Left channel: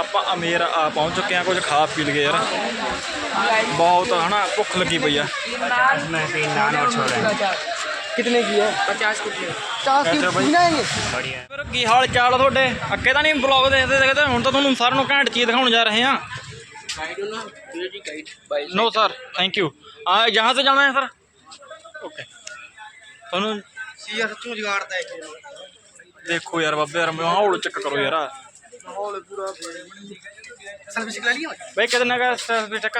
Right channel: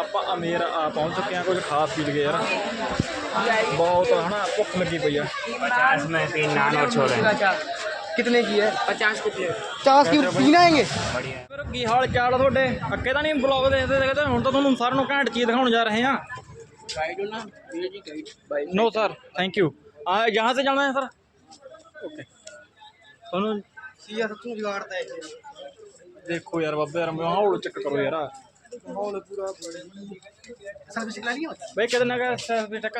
आप अमीर पहुँच चुके हैं, कुछ खा पी लिए यार, बहुत है ना भुख लगी पई है। कितने की है? 50 की 50 की तीन आएंगे। फिर की हाल चाल थोड़े अगे तो नहीं ब्लॉग देखते देखते हूँ तो तुहानू सारे घैंट चीज़ दिखाने जा रहे हैं। No sir thank you. हाँ यहाँ से जाना है सर। ओके थोनू देखो यार बाबे यार माहौल चेक करो यार, माहौल पूरा सेल्फी स्टिक ला लिया भाई कितने का सेल्फी स्टिक?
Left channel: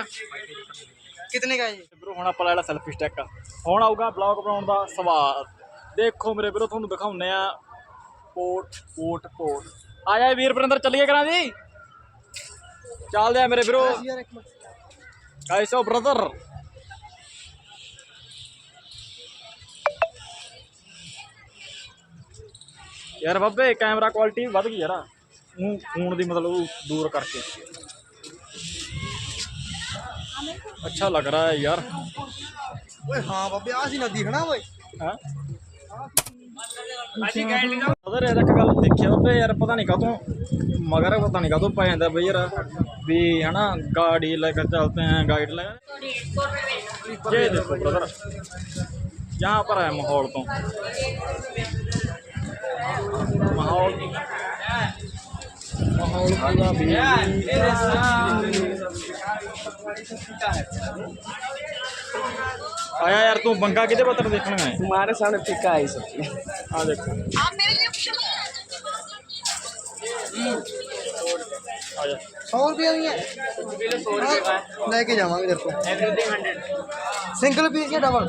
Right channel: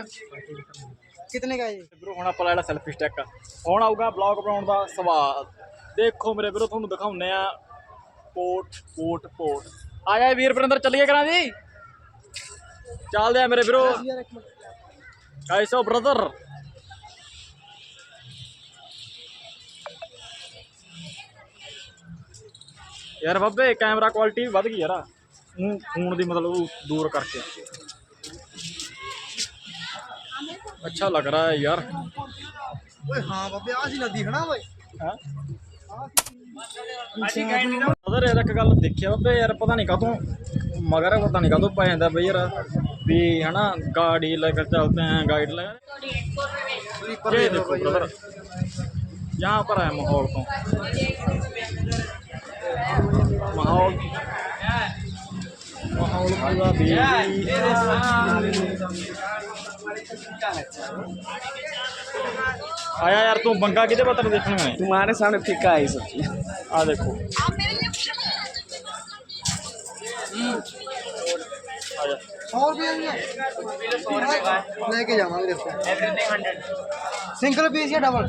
कितने का है ये? ਵੀਰੋ ਹੁਣ ਆਪਾਂ ਲੈ ਲਿਆ ਸੈਲਫੀ ਸਟਿਕ। ਹੁਣ ਆਊਗਾ ਬਲੌਗ ਬਣਾਉਣ ਦਾ ਸਵਾਦ। ਦੇਖੋ ਮੇਰੇ ਵੀਰੋ ਤੁਹਾਨੂੰ ਦਿਖਾਉਂਦੇ ਆ ਪੋਟ ਆ ਜਾ ਵੀਰ ਵਰਿੰਦਰ ਚੱਲੀਏ ਕਰਾਂ ਜੀ, ਚੱਲਦੇ ਆ ਮੇਰੇ ਵੀਰੋ। ਕਾਇਸੋ ਬ੍ਰਦਰ यार बाबे कैमरा क्वालिटी वध गई यार फोन की, मतलब दूर करके अच्छा लग रहा है यार। हाँ बाबे आ सी नदी है ना ओए हैं अदर यार एक गल देखिया बाबे यार, पता नहीं कातों मगर पता नहीं कातों पै जाता बई यार भी है ना, गाड़ी लेकर चलते हैं गाइड लेकर। ये देखो ब्रदर यहाँ पर है माहौल तो माहौल पूरा भी आया यार। तू बंगा किते पत्थर देखना है? तुम्हारे सामने फिक्का है सब। आ देखो आजा 100 रुपया नहीं है, 100 रुपये का लेके जावांगे देखो। सिंगल पीस या डबल?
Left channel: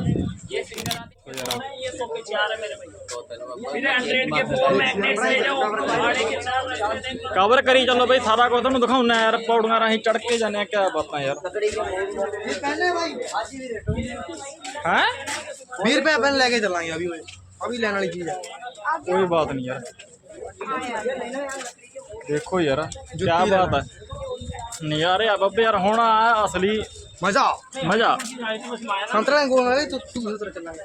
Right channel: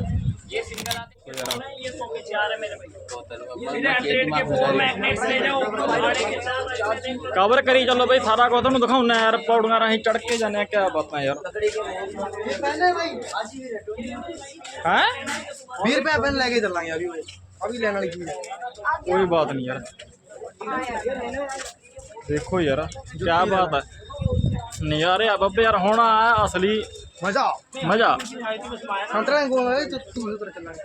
ये सिंगल आते हैं, ये 100 पीस यार है मेरे भाई। कवर करी चलो भाई सारा कुछ तुहानू दिखाऊना यार, पौड़ियां राही चढ़ के जाने क्या बात है यार। ये पहले भाई हैं 20 रुपया पहले लेके चलाएंगे अभी लेने वाली चीज है। कोई बात नहीं यार, देखो यार क्या बात है नज़ारे आ बाबे यार। होना है असली मजा मजा। संतरा गोल है तो तू उधर चलाएंगे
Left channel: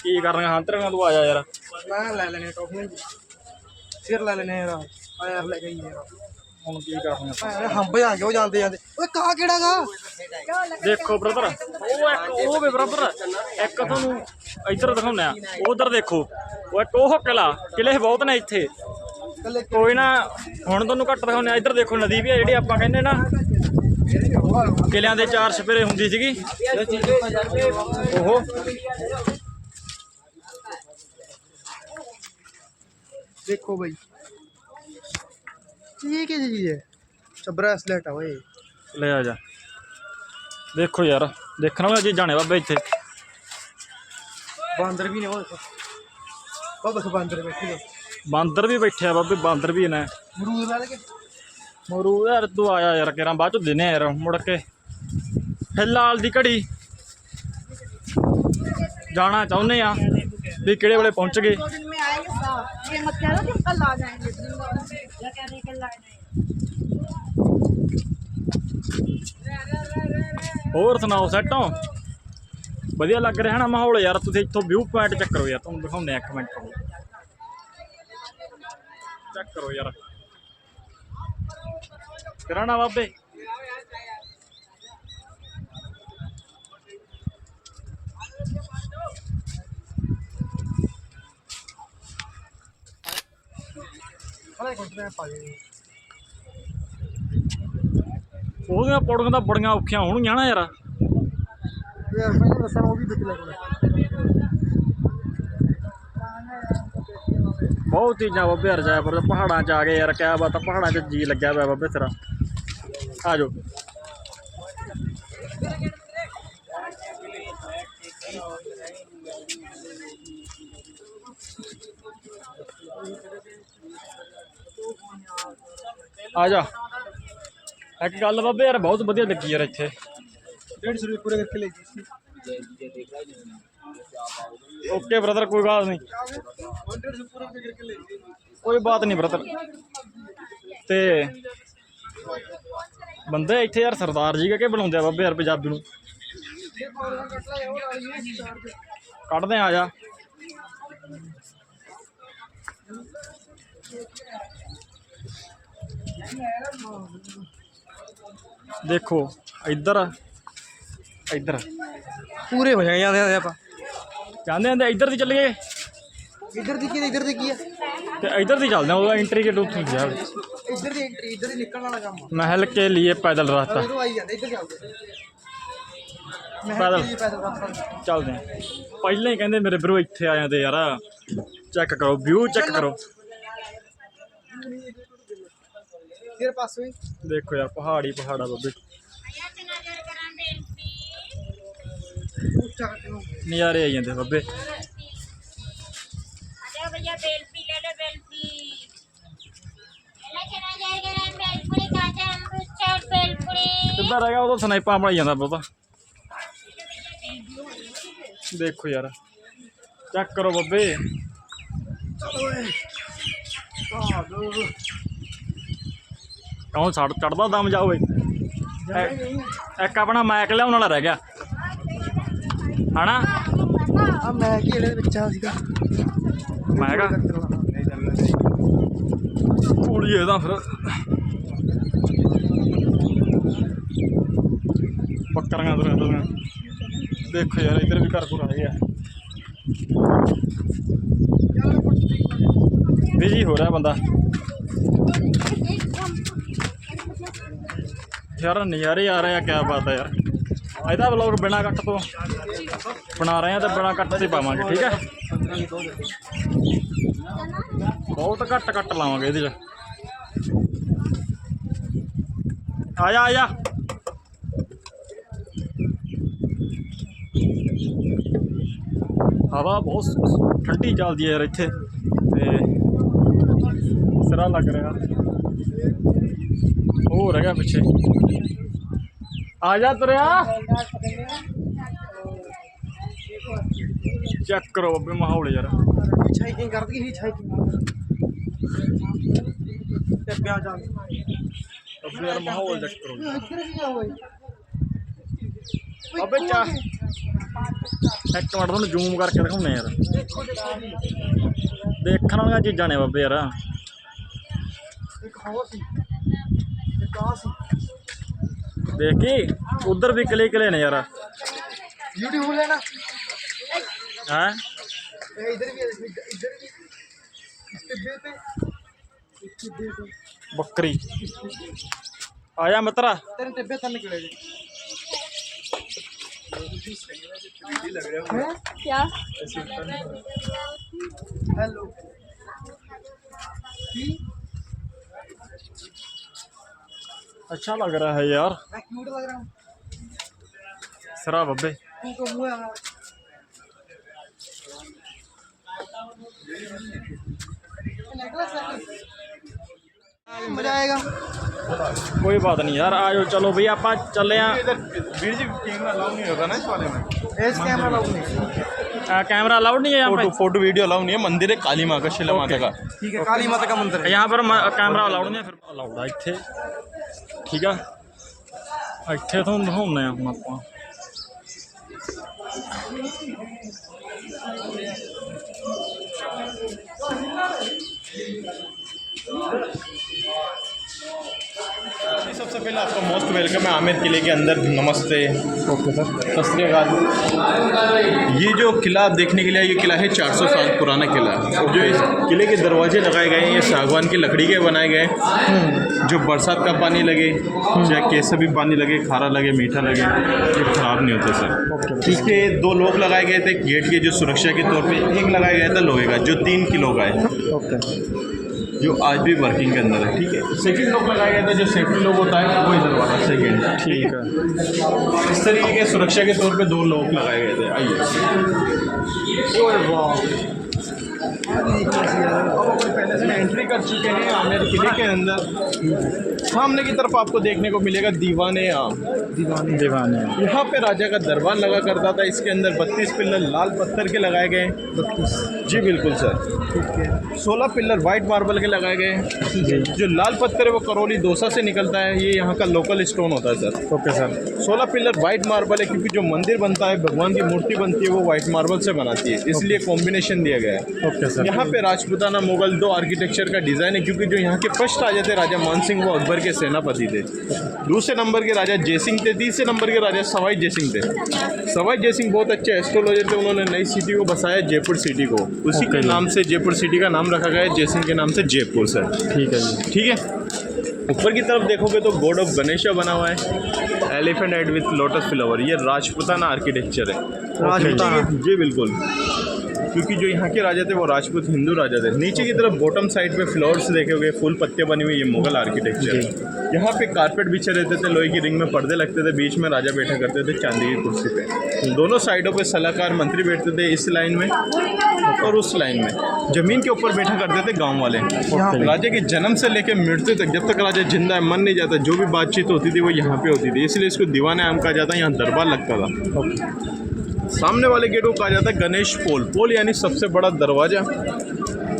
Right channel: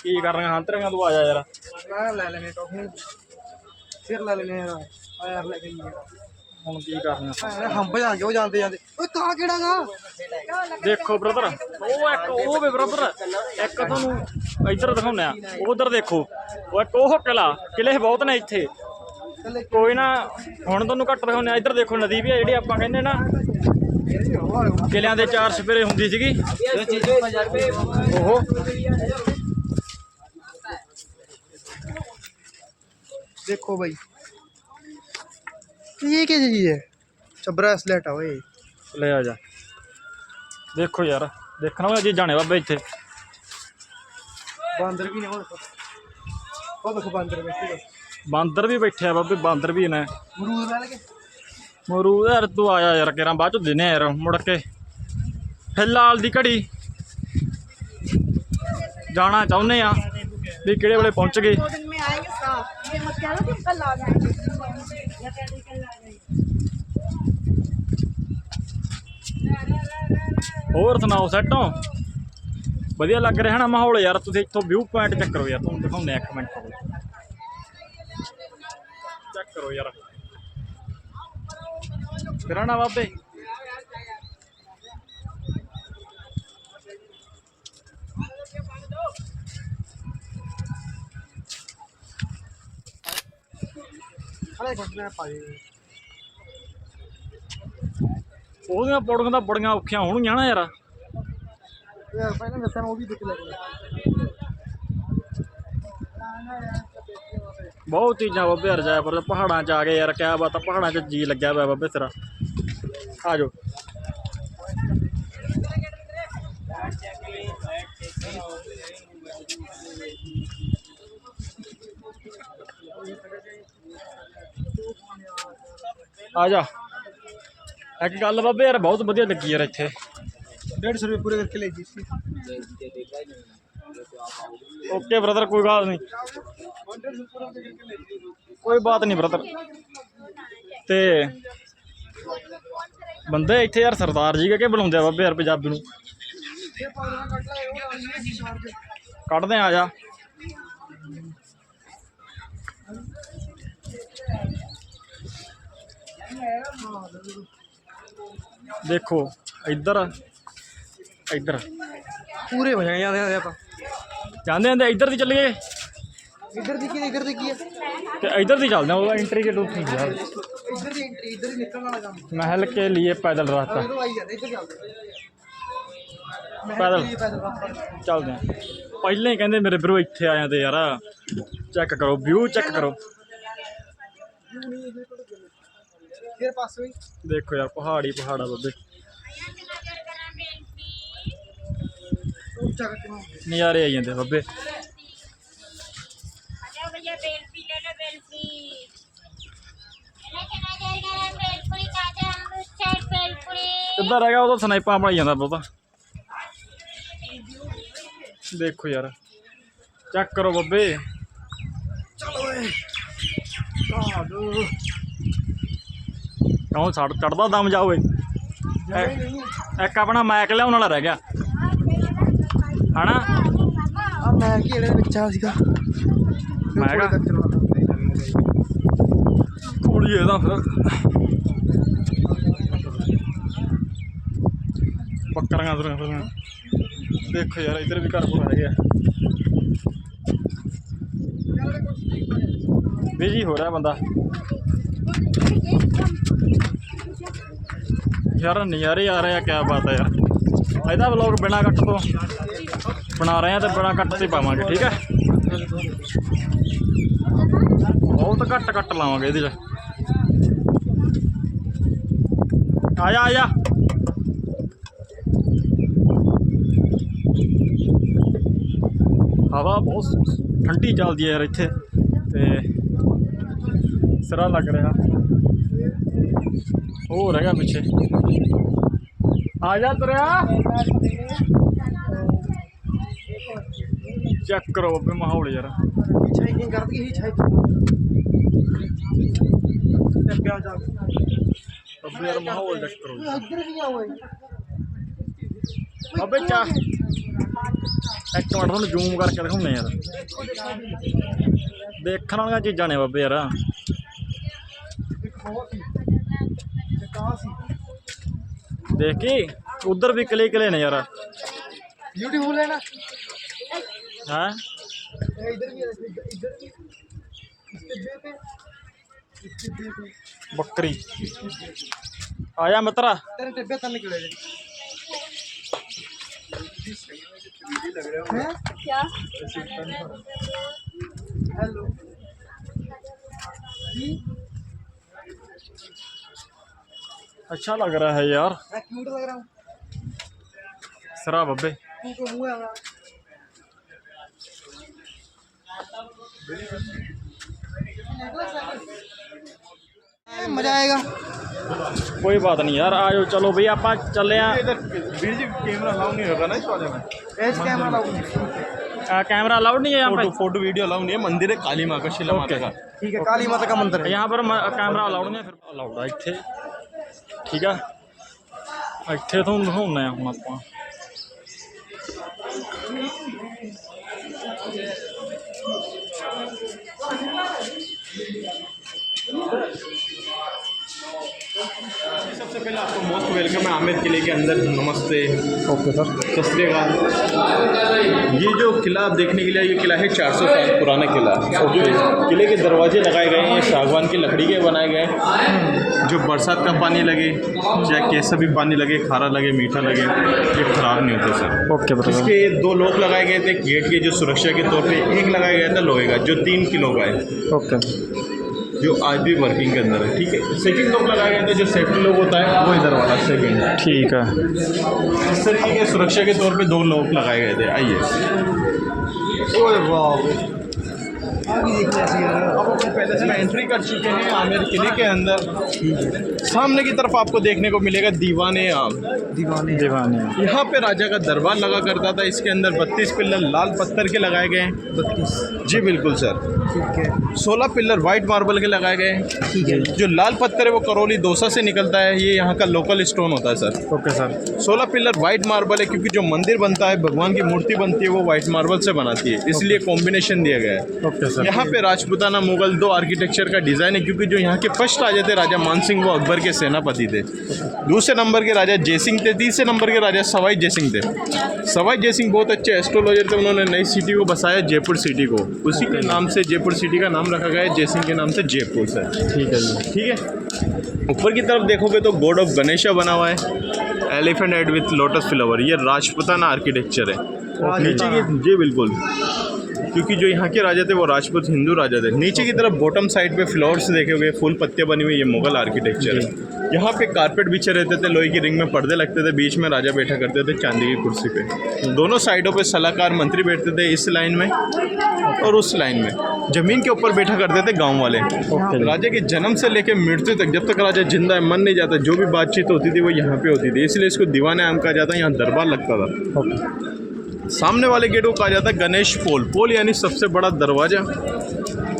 की करना हांतर में तू आ जा यार। मैं ले लेने टोकन फिर ले लेने यार यार लेके ही यार ਹੁਣ ਕੀ ਕਰਨਾ हम भजा जो जानते जानते ओए कहां केड़ा गा देखो ब्रदर ਉਹ ਇੱਕ ਉਹ ਵੇ ਬ੍ਰਦਰ ਇੱਕ ਤੁਹਾਨੂੰ ਇੱਧਰ ਦਿਖਾਉਂਦੇ ਆ, ਉਧਰ ਦੇਖੋ ਉਹ ਇੱਕ ਉਹ ਕਿਲੇ ਬਹੁਤ ਨੇ ਇੱਥੇ। ਕੋਈ ਨਾ ਹੁਣ ਤੁਹਾਨੂੰ ਘੱਟ ਦਿਖਾਉਂਦੇ ਆ। ਇੱਧਰ ਦੇਖੋ ਨਦੀ ਵੀ ਆ ਜਿਹੜੀ ਆਪਾਂ ਕਹਿੰਦੇ ਨਾ ਕਿਲਿਆਂ ਦੇ ਚਾਰ ਸਪੇਰੇ ਹੁੰਦੀ ਸੀਗੀ ਉਹ। देखो भाई ये क्या चीज है? अच्छा ब्रेसलेट है ओए ले आ जा देखो यार, देखना भी चीज़ां ने बाबे इत्थे। बांदर भी नहीं हो देखो बांदर बैठे हैं, बांदर भी बैठे आ बाबे, बांदर भी ने। अमरूद वाले के मरूद यार तू आया यार केरा बाद चो देने यार मुड़ के। फिलहाल दी घड़ी जाना चाहुंदे आ भी किहड़े वेले पहुंच गए। होर सुनाओ सैट हो? वधिया लग रहा है ना माहौल यार? तुसीं इत्थों व्यू पॉइंट चेक करो यार, तुहानूं दिखाउने एक मिनट चेक करो यार। फिर ना बाबे ਉਹਦੀਆਂ ਪੌੜੀਆਂ ਤਾਂ ਬੜੀਆਂ ਔਖੀਆਂ ਹੋਣਗੀਆਂ ਨਾ ਯਾਰ। बहुत चीज़ा बाबे यार जयपुर पहाड़ा च आ गए यार, क्या बात है पहाड़ा च जी लग्या पाया बाबे तेरा। आ जाओ आ जा। एक गल बाबे यार बहुत वधिया लगी यार इत्थे। 150 रुपये पूरे करके ले जी। ओके ब्रदर कोई गल नहीं, कोई बात नहीं ब्रदर। ते बंदे इत्थे यार सरदार जी के बुलाते बाबे यार पंजाबी नूं कढ़दे आ जा। देखो इधर इधर पूरे हो जाएंगे आधे आधे आप जाते हैं इधर दी चल गए इधर दिखिए इधर दिखिए ते इधर दी चलते हैं वो एंट्री के टूट यार इधर दी एंट्री इधर ही निकलने वाला काम महल के लिए पैदल रास्ता इधर आई जाते इधर चलते पैदल चलते हैं पहले ही कहते मेरे ब्रो इतने आ जाते यार चेक करो व्यू चेक करो फिर पास हुई देखो यार पहाड़ी पहाड़ा बब्बे नज़ारे आई जाते बब्बे भैया बेलपी ले लो बेलपी चला जाएगा बेलपुरी काचा अमरूद चाट बेलपुरी किधर आ गया वो तो स्नाइपा बनाई जाता बहुता देखो यार चेक करो बब्बे क्यों चढ़ता दम जाओ एक अपना मैक लिया वाला रह गया है ना अब मैं कि ਇਹਦੇ ਵਿੱਚ ਆ ਸੀਗਾ मैं कहा कूड़िए ਦਾ ਫਿਰ ਬੱਕਰੀਆਂ ਤੁਰੀਆਂ देखो यार इधर भी घर पूरा आ गया बिजी हो रहा है बंदा यार नज़ारे आ रहे हैं क्या बात है यार ਇਹਦਾ ਵਲੌਗ ਬਿਨਾ ਕੱਟ ਤੋਂ ਬਣਾ ਰਹੇ हैं तो बिना ਕੱਟ ਤੇ ਪਾਵਾਂਗੇ ठीक है बहुत घट कट लावांगे ये आजा आजा हवा बहुत ठंडी चलती है यार इत्थे ते सिरा लग रहा हो रह गया पिछे आजा तुरया चेक करो अबे माहौल यार हाइकिंग कर दी हिच अबे यार माहौल चेक करो इधर भी जाओ अबे क्या एक मिनट तुहानू जूम करके दिखाने यार देखने वाली चीज़ा ने बाबे यार देखी उधर भी किले किले ने यार ब्यूटीफुल है ना हैं इधर भी इधर भी इस टिब्बे पे बकरी आया मित्रा तेरे टिब्बे तन निकले हैं क्या हेलो अच्छा लग रहा है यार मैं क्यूट लग रहा हूँ सरा बब्बे तू तो मुँह है मजा आएगा कोई बात नहीं यार आज चलो भाई आप चले कैमरा अलाउ नहीं होता ना इस वाले में फेस कैमरा लाऊंगी कैमरा अलाउड नहीं है यहाँ पे फोटो वीडियो अलाउ नहीं है मंदिर है काली माँ का शिला माता का ठीक है काली माता का मंदिर है यहाँ पर कैमरा अलाउड नहीं है फिर अलाउड है इत्थे ठीक है इत्थे तो दिखाने हम आप सबसे पहले आपका मोस्ट वेलकम है आमेर किले के अंदर। नमस्ते। ओके सर सत श्री अकाल। ये जो किला आप देखने के लिए ये किला है 400 साल पुराना किला है। जो इस किले के दरवाजे लगाए गए हैं ये सागवान की लकड़ी के बनाए गए हैं। जो बरसात का पानी लगे चाहे कैसा भी पानी लगे खारा लगे मीठा लगे ये ख़राब नहीं होते सर। ओके इसके 2 लॉक लगाए गए थे गेट के जो सुरक्षा के तौर पे, एक लगाया गया था लोहे का जो 3 किलो का है ओके जो आज भी वर्किंग के अंदर है। ठीक है, सेकंड लॉक लगाया गया था जो सेफ्टी लॉक होता है वो इधर वाला सेकंड। ठीक है इस तरीके के सुरक्षा के तौर पे 2 लॉक लगाए गए थे। आइए अब अपन पहले से एंट्री कर चुके हैं आमेर किले के अंदर। सामने की तरफ आपको देखने को मिलेगा दीवाने आम। दीवाने यहाँ पे राजा का दरबार लगा करता था। इसके अंदर 32 पिल्लर लाल पत्थर के लगाए गए हैं। 32 जी बिल्कुल सर। ठीक है 16 पिल्लर वाइट मार्बल के लगाए गए हैं। ठीक है जो लाल पत्थर है वो करौली दौसा से निकलता है। ये यहाँ का लोकल स्टोन होता है sir. Okay sir 16 pillar white marble है क्योंकि जो मंदिर बनता है भगवान की मूर्ति बनती है वो वाइट मार्बल से बनाती है, इसलिए कॉम्बिनेशन दिया गया है। ओके सर यहाँ पे राजपूताना मुगल मुगल दो आर्किटेक्चर का डिज़ाइन है, क्योंकि जो यहाँ के फर्स्ट राजा थे राजा मान सिंह वो अकबर के सेनापति थे। दूसरे नंबर के राजा जयसिंह थे। तीसरे नंबर के राजा सवाई जयसिंह थे। सवाई जयसिंह बहुत अच्छे एस्ट्रोलॉजर थे। उन्होंने नई सिटी को बसाया, जयपुर सिटी को। उसी के नाम से जयपुर सिटी का नाम रखा गया है, जयसिंह के नाम से जयपुर से। ठीक है जी। ठीक है। ऊपर की तरफ देखोगे तो गॉड ऑफ गणेशा बना हुआ है, elephant head with lotus flower. ये राजपूताना आर्किटेक्चर है। जी बिल्कुल, क्योंकि जो यहाँ के राजा थे वो राजपूत हिंदू राजा थे। नीचे की तरफ बॉटम साइड पे फ्लावर्स देखोगे, फूल पत्ते बनी हुई, ये मुगल आर्किटेक्चर है। यहाँ पे कारपेट बिछे रहते थे, लोहे की रिंग में पर्दे लगते थे, बीच में राजा बैठा करते थे चांदी की कुर्सी पे। दोनों साइडों पे सलाहकार मंत्री बैठते थे, इस लाइन में और उस लाइन में। जमीन के ऊपर बैठा करते थे गाँव वाले। राजा के जन्म से लेकर मृत्यु तक, जब तक राजा जिंदा है, मन नहीं जाता, जो भी बातचीत होती थी वो यहाँ पे होती थी। इसलिए इसको दीवाने आम कहा जाता है। यहाँ दरबार लगता था। सामने वाले गेट को कहा जाता है गणेश पोल। पोल यानी सबसे बड़ा दरवाजा।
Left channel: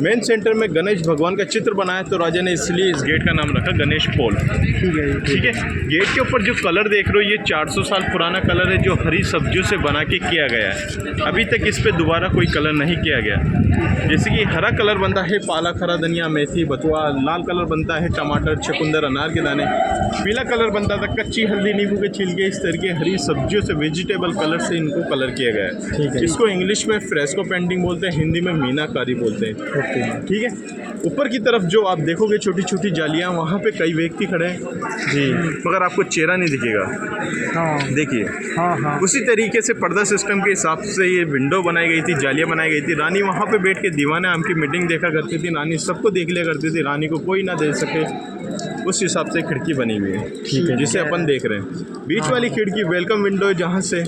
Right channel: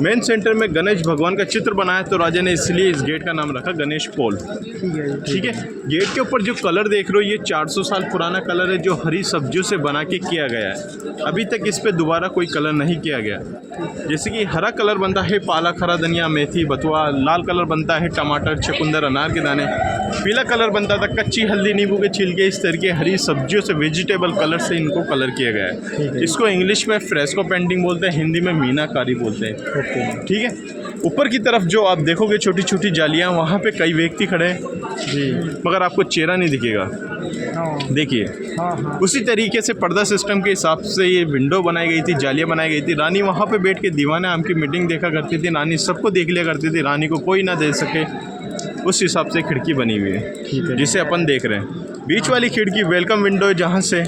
मेन सेंटर में गणेश भगवान का चित्र बनाया, तो राजा ने इसलिए इस गेट का नाम रखा गणेश पोल। ठीक है। गेट के ऊपर जो कलर देख रहे हो ये 400 साल पुराना कलर है, जो हरी सब्जियों से बना के किया गया है। अभी तक इस पे दोबारा कोई कलर नहीं किया गया। जैसे कि हरा कलर बनता है पालक, हरा धनिया, मेथी, बथुआ। लाल कलर बनता है टमाटर, चुकंदर, अनार के दाने। पीला कलर बनता था कच्ची हल्दी, नींबू के छिलके। इस तरह के हरी सब्जियों से, वेजिटेबल कलर से इनको कलर किया गया है। इसको इंग्लिश में फ्रेस्को पेंटिंग बोलते हैं, हिंदी में मीनाकारी बोलते हैं। ठीक है। ऊपर की तरफ जो आप देखोगे छोटी छोटी जालियां, वहाँ पे कई व्यक्ति खड़े हैं जी, मगर आपको चेहरा नहीं दिखेगा। देखिए, उसी तरीके से पर्दा सिस्टम के हिसाब से ये विंडो बनाई गई थी, जालियां बनाई गई थी। रानी वहाँ पे बैठ के दीवाने आम की मीटिंग देखा करती थी। रानी सबको देख लिया करती थी, रानी को कोई ना दे सके, उस हिसाब से खिड़की बनी हुई है। ठीक है, जिसे अपन देख रहे हैं। बीच वाली खिड़की वेलकम विंडो है, जहाँ से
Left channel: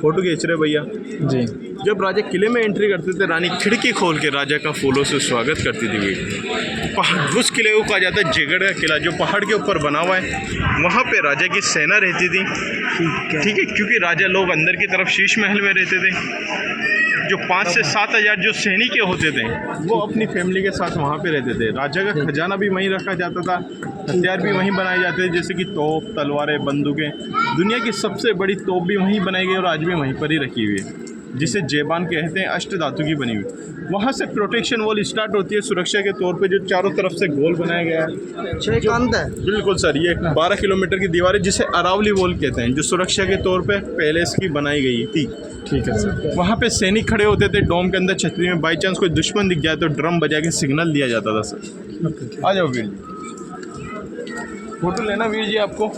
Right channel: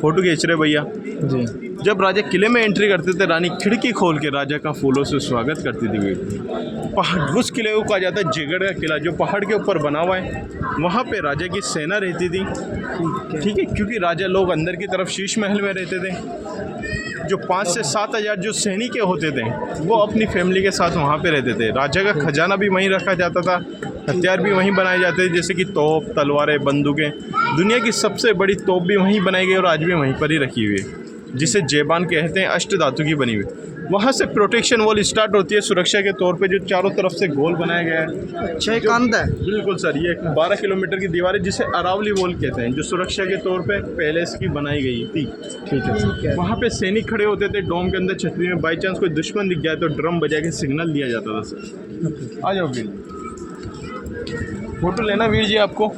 फोटो खींच रहे भैया जी। जब राजा किले में एंट्री करते थे, रानी खिड़की खोल के राजा का फूलों से स्वागत करती थी। उस किले को कहा जाता है जयगढ़ का किला, जो पहाड़ के ऊपर बना हुआ है। वहाँ पे राजा की सेना रहती थी। ठीक है, क्योंकि राजा लोग अंदर की तरफ शीश महल में रहते थे। जो 5 से 7 हज़ार जो सैनिक होते थे वो अपनी फैमिली के साथ वहाँ पे रहते थे। राजा का खजाना भी वहीं रखा जाता था, हथियार भी वहीं बनाए जाते थे, जैसे कि तोप, तलवारें, बंदूकें। दुनिया की सबसे बड़ी तोप भी वहीं बनाई गई और आज भी वहीं पर ही रखी हुई है, जिसे जेबान कहते हैं, अष्ट धातु की बनी हुई। वहाँ से प्रोटेक्शन वॉल स्टार्ट होती है सुरक्षा के तौर पे, जो चारों तरफ से गोल बनाया गया है। बिल्कुल सर, ये 12 किलोमीटर की दीवार है, जिसे अरावली वॉल कहते हैं, जो सुरक्षा के तौर पे पैलेस की बनाई गई थी। ठीक है सर। वहाँ पे सैनिक खड़े होते थे डोम के अंदर छतरी में। बाई चांस कोई दुश्मन दिख जाए तो ड्रम बजा के सिग्नल दिया जाता था सर। आ जाओ वीर, फोटो लेना वीर जी आपको?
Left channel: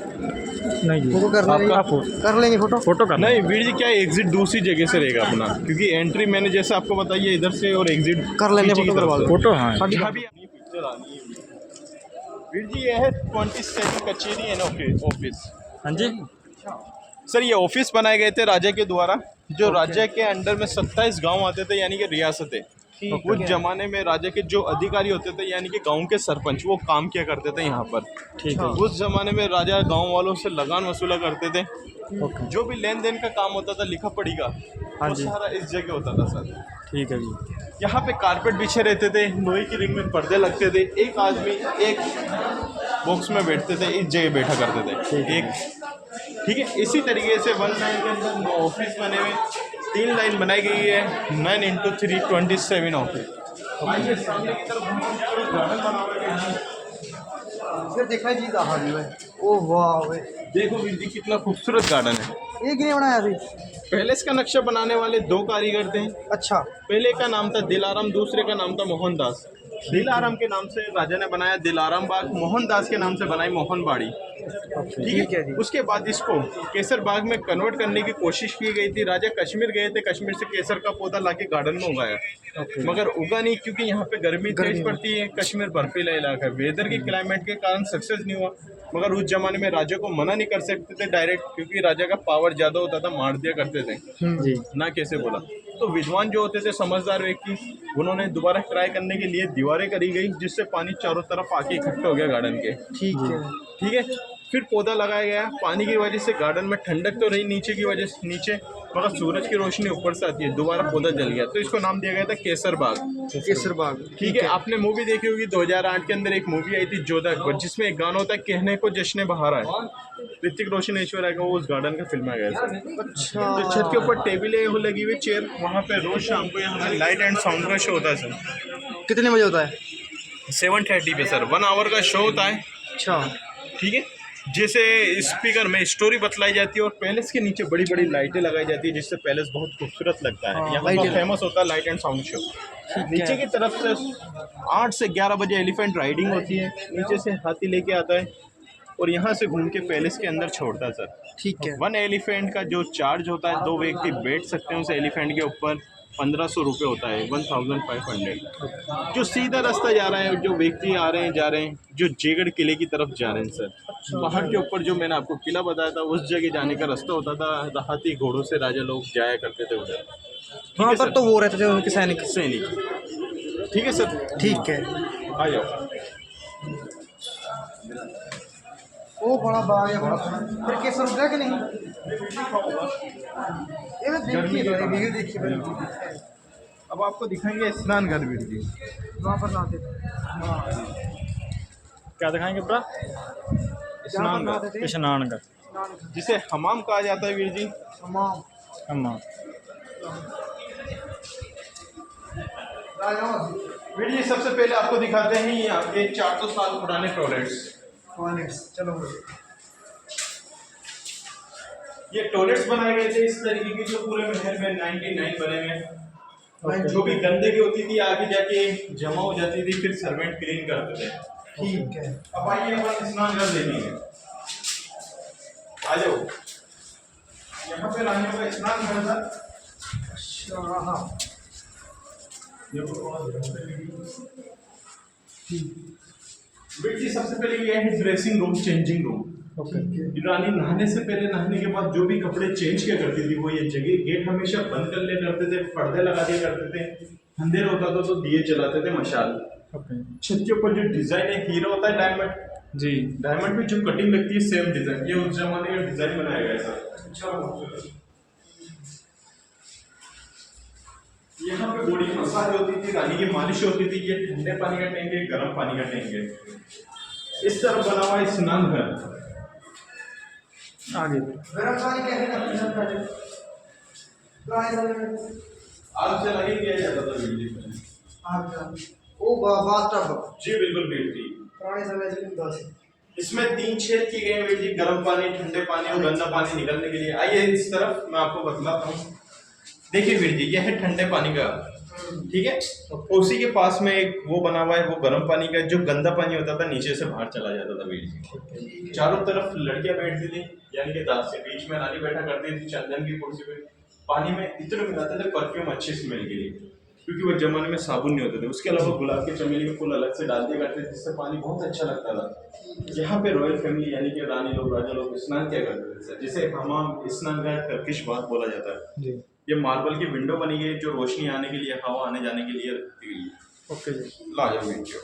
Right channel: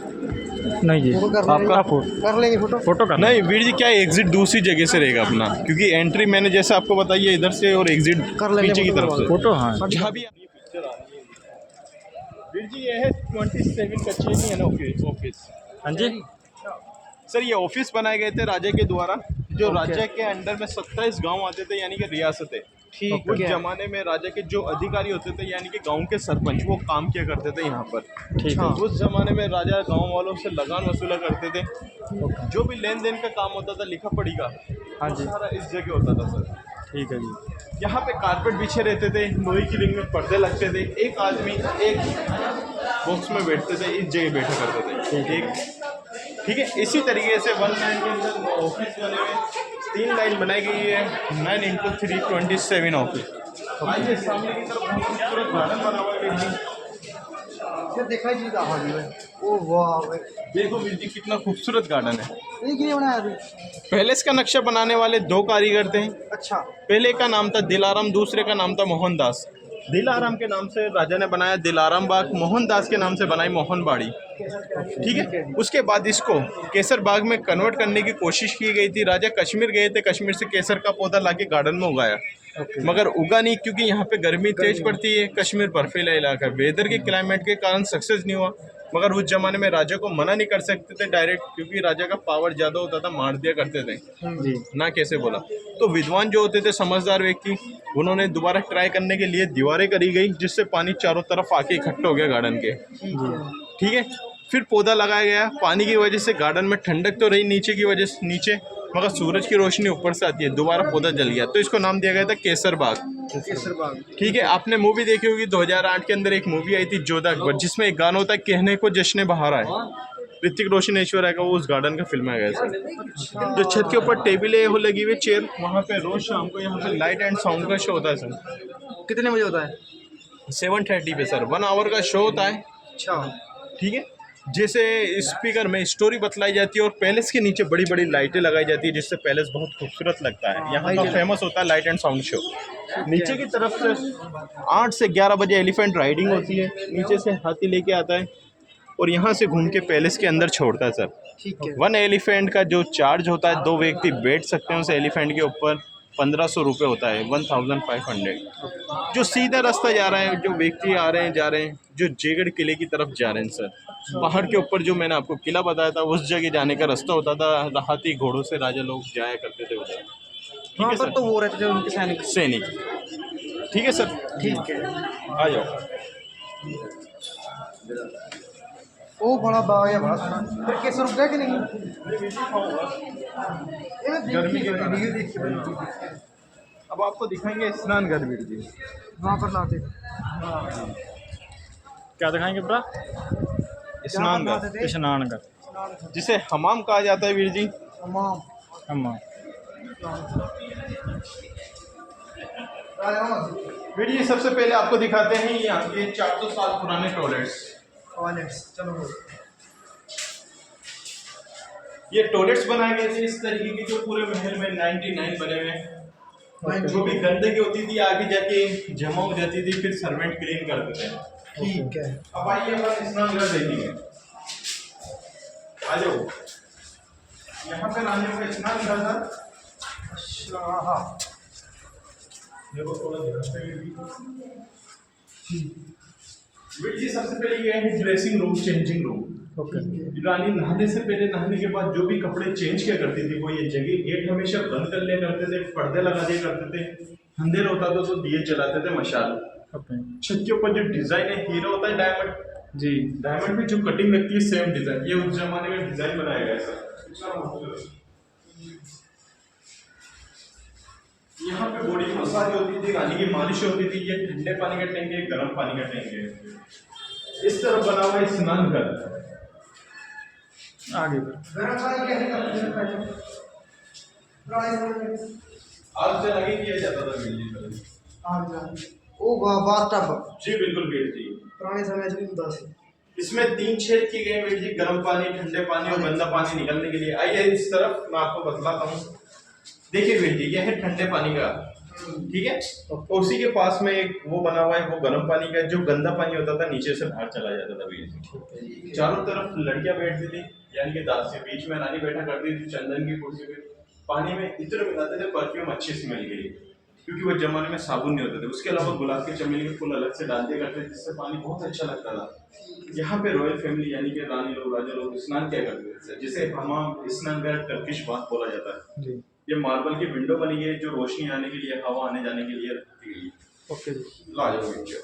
नहीं जी, फोटो कर लेंगे फोटो कर नहीं वीर जी, क्या एग्जिट दूसरी जगह से रहेगा अपना, क्योंकि एंट्री मैंने जैसा आपको बताई है इधर से, और एग्जिट कर लेंगे पीछे की तरफ से। फोटो। हाँ जहाँ भी पिक्चर आनी है वीर जी, ये है 27 कचेरी है ना ऑफिस। हाँ जी सर, ये ऑफिस बनाए गए थे राजा के द्वारा। जो राजा के अंडर में 27 गांव आते थे, यानी कि रियासतें। उस जमाने में राजा के जो अधिकारी होते थे, यानी कि गांव के सरपंच, वो काम किया करते थे यहाँ पर। ठीक है। उस जमाने में राजा गांव वालों से लगान वसूला करते थे। जो भी लेन देन का काम होता था, लिखा पढ़ी का, हाँ जी, सारा इस जगह होता था सर। ठीक है जी। यहाँ पे कारपेट बिछे रहते थे, लोहे की रिंग में पर्दे लगते थे। एक आदमी एक बॉक्स में बैठते थे, इस जगह बैठा करते थे। ठीक है। इसी तरीके से 1 लाइन के अंदर 9 ऑफिस बने हुए, 3 लाइन बनाई गई है। 9 × 3 27 ऑफिस। आइए सामने की तरफ गार्डन बना हुआ है। देखा जी ओ वाह, देखो वीर जी, कितना खूबसूरत गार्डन है। एक ही बनाया अभी। पैलेस का नक्शा बनाने वाले 2 कारीगर थे। अच्छा। पहले का नाम था दिलाराम, दूसरे का नाम था मोहनदास। दिलाराम के नाम से राजा ने बनाया दिलाराम बाग, मोहनदास के नाम से बनाई मोहनबाड़ी। ठीक है। उसके बाद इसको केसर बाग में कन्वर्ट करने की कोशिश की गई थी। राजा कश्मीर गए थे, कश्मीर से केसर का पौधा लाके गार्डन में उगाया, मगर उगा नहीं, क्योंकि यहाँ पे गर्मी तेज पड़ती है। कश्मीर बर्फीला इलाका, वेदर के क्लाइमेट के कारण सक्सेस नहीं हुआ। मगर उस जमाने में राजा को मना नहीं कर सकते थे डायरेक्ट, क्योंकि राजा का पावर ज़्यादा होता था, मार दिया करते थे जी, ना कैसे बोला। तो विद्वान जो होते थे, समझदार व्यक्ति, उन्होंने दोबारा ट्राई करने के लिए दीवारें करी गई, जिससे पानी चारों तरफ आके इकट्ठा हो गया गार्डन के। ठीक है। फिर पौधा लगाया गया। पानी की वजह से गार्डन में ठंडक तो रही, नीचे की वजह से नीचे, मगर सूरज की रोशनी ऊपर से आती है, दोबारा पौधा जल गया, तो इसको नाम दिया गया था केसर बाग। केसर बाग। ठीक है। आपने मूवी देखी होगी, 2008 के अंदर एक मूवी आई थी जोधा अकबर, जिसमें एक गाना होता है, कहने को जश्न बहार आए। ऋतिक रोशन, ऐश्वर्या का वो उस गार्डन का फिल्माया गया था। जो छत के ऊपर टेबलें हो लगी हुई, चेयर, वहाँ पे रोज शाम को यहाँ पे लाइट एंड साउंड का शो होता है सर। कितने बजे होता है? 7:30 पे सर 1 आवर का शो होता है। अच्छा ठीक है, जैसे स्पीकर में स्टोरी बतलाई जाती है और पैलेस के नीचे बड़ी बड़ी लाइटें लगाई जाती है जिससे पैलेस बहुत खूबसूरत लगता है। यहाँ का फेमस होता है लाइट एंड साउंड शो। नीचे की तरफ से 8 से 11 बजे एलिफेंट राइडिंग होती है, नीचे से हाथी लेके आता है और यहाँ से घूम के पैलेस के अंदर छोड़ता है सर। ठीक है। 1 एलिफेंट का जो चार्ज होता है, 2 व्यक्ति बैठ सकते हैं उस एलिफेंट के ऊपर, 1500 रुपये होता है, 1500। जो सीधा रास्ता जा रहा है, जो व्यक्ति आ रहे हैं जा रहे हैं, जो जयगढ़ किले की तरफ जा रहे हैं सर, पहाड़ के ऊपर जो मैंने आपको किला बताया था उस जगह जाने का रास्ता होता था। हाथी घोड़ों से राजा लोग जाया करते थे उधर। ठीक है सर, तो वो रहते थे उनके सैनिक। ठीक है सर, ठीक है, आ जाओ। वो बड़ा बाग है बड़ा। फिर कैसे रुक गया कि नहीं? ये देखिए अब आपको दिखाएंगे स्नान घर वीर जी। वहाँ पर ना दे। क्या दिखाएंगे ब्रा? स्नान घर, स्नानगढ़, जिसे हमाम कहा जाता है वीर जी। तमाम हम वीर जी सबसे पहले आपको दिखाते हैं यहाँ के 400 साल पुराने टॉयलेट्स। चलो। ये टॉयलेट्स बनाए गए थे इस तरीके के जो पूरे महल में 99 बने हुए हैं। जो भी गंदगी होती थी आगे जाके जमा हो जाती थी, फिर सर्वेंट क्लीन करते थे। ठीक है। अब आइए अपन स्नान घर देखेंगे, आ जाओ। यहाँ पे रानियों का स्नान घर था। अच्छा हाँ। देखो थोड़ा ध्यान से वीर जी, सबसे पहले ये है ड्रेसिंग रूम, चेंजिंग रूम। रानी नहाने से पहले, नहाने के बाद जो भी कपड़े चेंज किया करती थी वो ये जगह गेट हमेशा बंद कर लिया करते थे, पर्दे लगा दिया करते थे। अंधेरा होता था तो दिए जलाते थे मशाल। छत के ऊपर जो डिजाइन है, हीरा होता है डायमंड जी, डायमंड में जो कटिंग लगती है सेम डिजाइन, ये उस जमाने का डिजाइन बनाया गया सर। अच्छा, यहाँ पे बॉडी मसाज होती थी, रानी की मालिश होती थी। ये ठंडे पानी का टैंक है, गर्म पानी का टैंक है। इस तरह बना हुआ है स्नान घर। आगे गर्म पानी कैसे आग से लगे किया जाता था बिजली पहले। ओ बाथटब जी बिल्कुल वीर जी, पुराने समय से बस। इसमें 3 छेद किए गए वीर जी, गर्म पानी, ठंडे पानी और गंदा पानी निकलने के लिए। आइए इस तरफ मैं आपको बतलाता हूँ। देखिए वीर जी, यह है ठंडे पानी का, ठीक है। उसी के पास में एक वो बना हुआ है, वो गर्म पानी का। जो गंदा पानी होता था नीचे से बाहर चला जाता था वीर जी। चारों तरफ लड़कियां बैठती थी, यानी कि दास से बीच में रानी बैठा करती थी चंदन की कुर्सी पे। पानी में इत्र मिलाते थे परफ्यूम अच्छी स्मेल के लिए, क्योंकि वो जमाने में साबुन नहीं होते थे। उसके अलावा गुलाब के चमेली के फूल अलग से डाल दिया करते थे, जिससे पानी बहुत अच्छा लगता था। यहाँ पे रॉयल फैमिली यानी कि रानी लोग, राजा लोग स्नान किया करते थे, जिसे हमाम स्नान घर टर्किश बाथ बोला जाता है जी। ये मार्बल की विंडो बनी है जो रोशनी आने के लिए, हवा आने जाने के लिए रखी गई है। ओके जी, ला जाओ वीडियो।